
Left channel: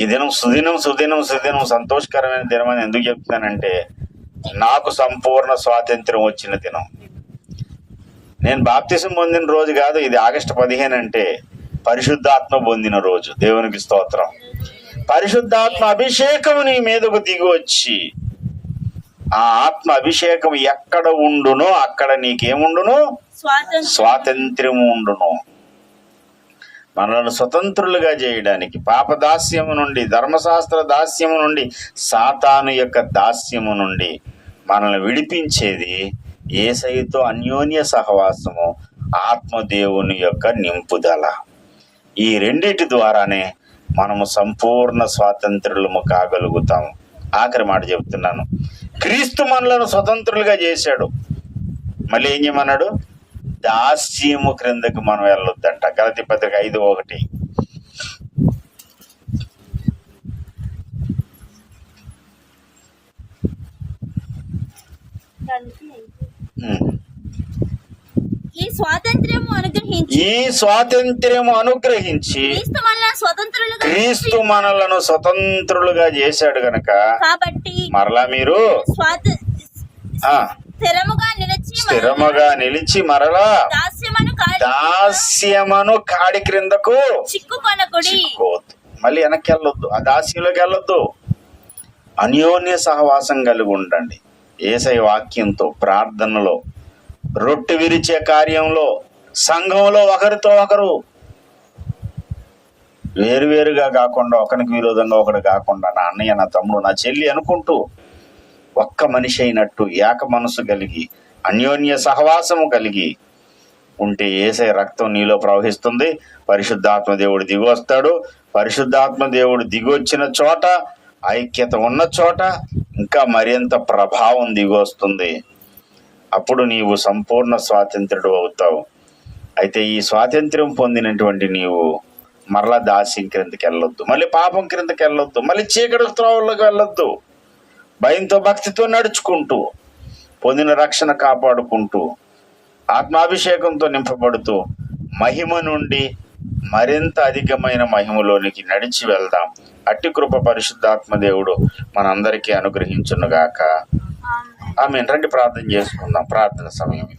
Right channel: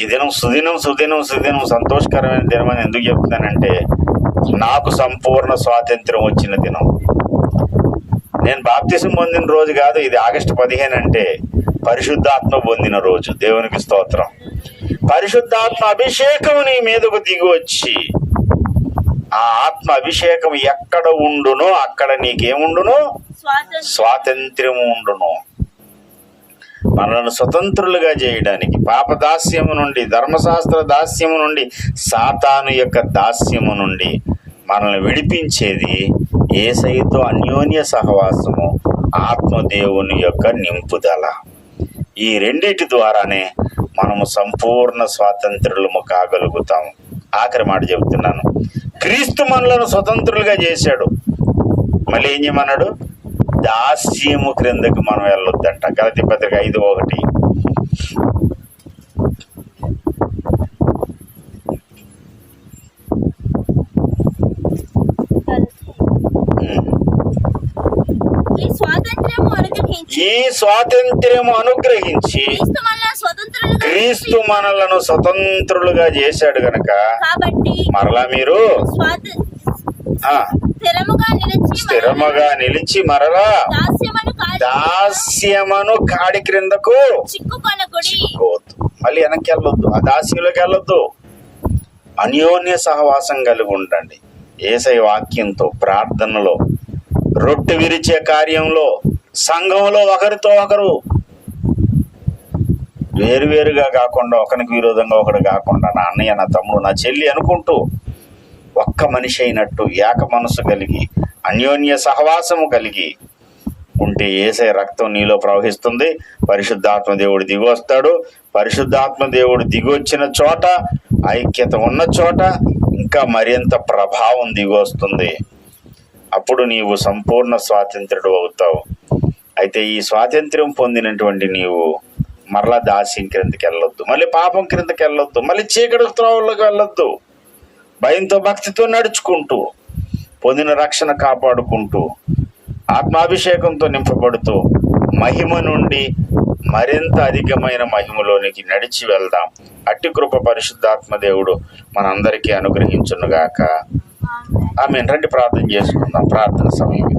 ఈ దినం సుదినం సుదినం సుదినం సంతోషకరమైన దినం అని ఎందుకు చెప్తున్నానంటే, నాకు సంపూర్ణ స్వాతంత్ర్యం వచ్చిన దినం. నేను బాప్తిసం పొందిన రోజు కాదు ఇది, ఆగస్టు 15 అంటే పరిశుద్ధాత్మ పొందిన రోజు. దేవునికి స్తోత్రం. పరిశుద్ధాత్మ అభిషేకం నీ మీదకు దిగి వచ్చి, ఆ ఆత్మ అభిషేకం ఎక్కడ ఉండునో అక్కడ నీకేముండును? స్వాతంత్ర్యము ఉండును. మనల్ని స్వతంత్రులుగా చేయడానికి, పాప దాస్యము నుండి, ధర్మశాస్త్ర దాస్యము నుండి, సాతాను యొక్క దాస్యము నుండి మనల్ని విడిపించేది యేసయ్యతో అన్యోన్య సహవాసము, ఆత్మదేవుని యొక్క నింపుదల. ఈ రెండిటి ద్వారానే మనము సంపూర్ణ స్వాతంత్రులము కాగలుగుతాము. ఆఖరి మాట చెబుతున్నాను, క్రీస్తు మనలను స్వతంత్రులుగా చేశాడు. మళ్ళీ ఏం చేయమన్నాడు? దాస్యము క్రిందకు మనం వెళ్ళొద్దంట. గలతీ పత్రిక 5:1. ఈ స్వాతంత్ర్యము అనుగ్రహించి క్రీస్తు మనలను స్వతంత్రులుగా చేశాడు గనక మరలా మీరు స్థిరముగా నిలిచి మరలా దాస్యమను కాడి క్రిందకు చిక్కుకోవద్దు. మళ్ళీ వెనక్కి వెళ్ళొద్దు, ఆ దాస్యంలోకి వెళ్ళొద్దు. అన్యోన్య సహవాసం కలిగి ఉండండి. యేసయ్య వాక్యంతో, ప్రార్థనలో, రొట్టె విరిచే కార్యంలో, సంఘంలో ఒకరితో ఒకరు వేరువేరుగా కాకుండా, ఒకరికి విరోధంగా ఒకడు కాకుండా, నా అన్నయ్య, నా తమ్ముడు, నా చెల్లి అనుకుంటూ ఒక్క మనిషి అయినట్టు ఏక మనసు కలిగి అన్యోన్య సహవాసము కలిగి ఉంటే యేసయ్య రక్తం నీలో ప్రవహిస్తుంది. పరిశుద్ధాత్మ దేవుడు దిగి వస్తాడు. పరిశుద్ధాత్మ దేవుడు దిగి వచ్చిన చోట, ఐక్యత ఉన్న చోట ఇంకా మరింత ప్రభావం దిగి వస్తుంది. అప్పుడు నీవు సంపూర్ణ స్వాతంత్రుడు అవుతావు. అయితే ఈ స్వాతంత్ర్యం పొందినటువంటి నీవు మరలా దాస్యం క్రిందకి వెళ్ళొద్దు, మళ్ళీ పాపం క్రిందకి వెళ్ళొద్దు, మళ్ళీ చీకటి త్రోవల్లోకి వెళ్ళొద్దు. భయంతో, భక్తితో నడుచుకుంటూ, పొందిన రక్షణ కాపాడుకుంటూ, ఆత్మాభిషేకంతో నింపబడుతూ, మహిమ నుండి మరింత అధికమైన మహిమలోనికి నడిచి వెళ్దాం. అట్టి కృప పరిశుద్ధాత్మ దేవుడు మనందరికీ అనుగ్రహించునుగాక. ఆమేన్. రండి ప్రార్థన చేసుకుందాం. ప్రార్థన సమయం.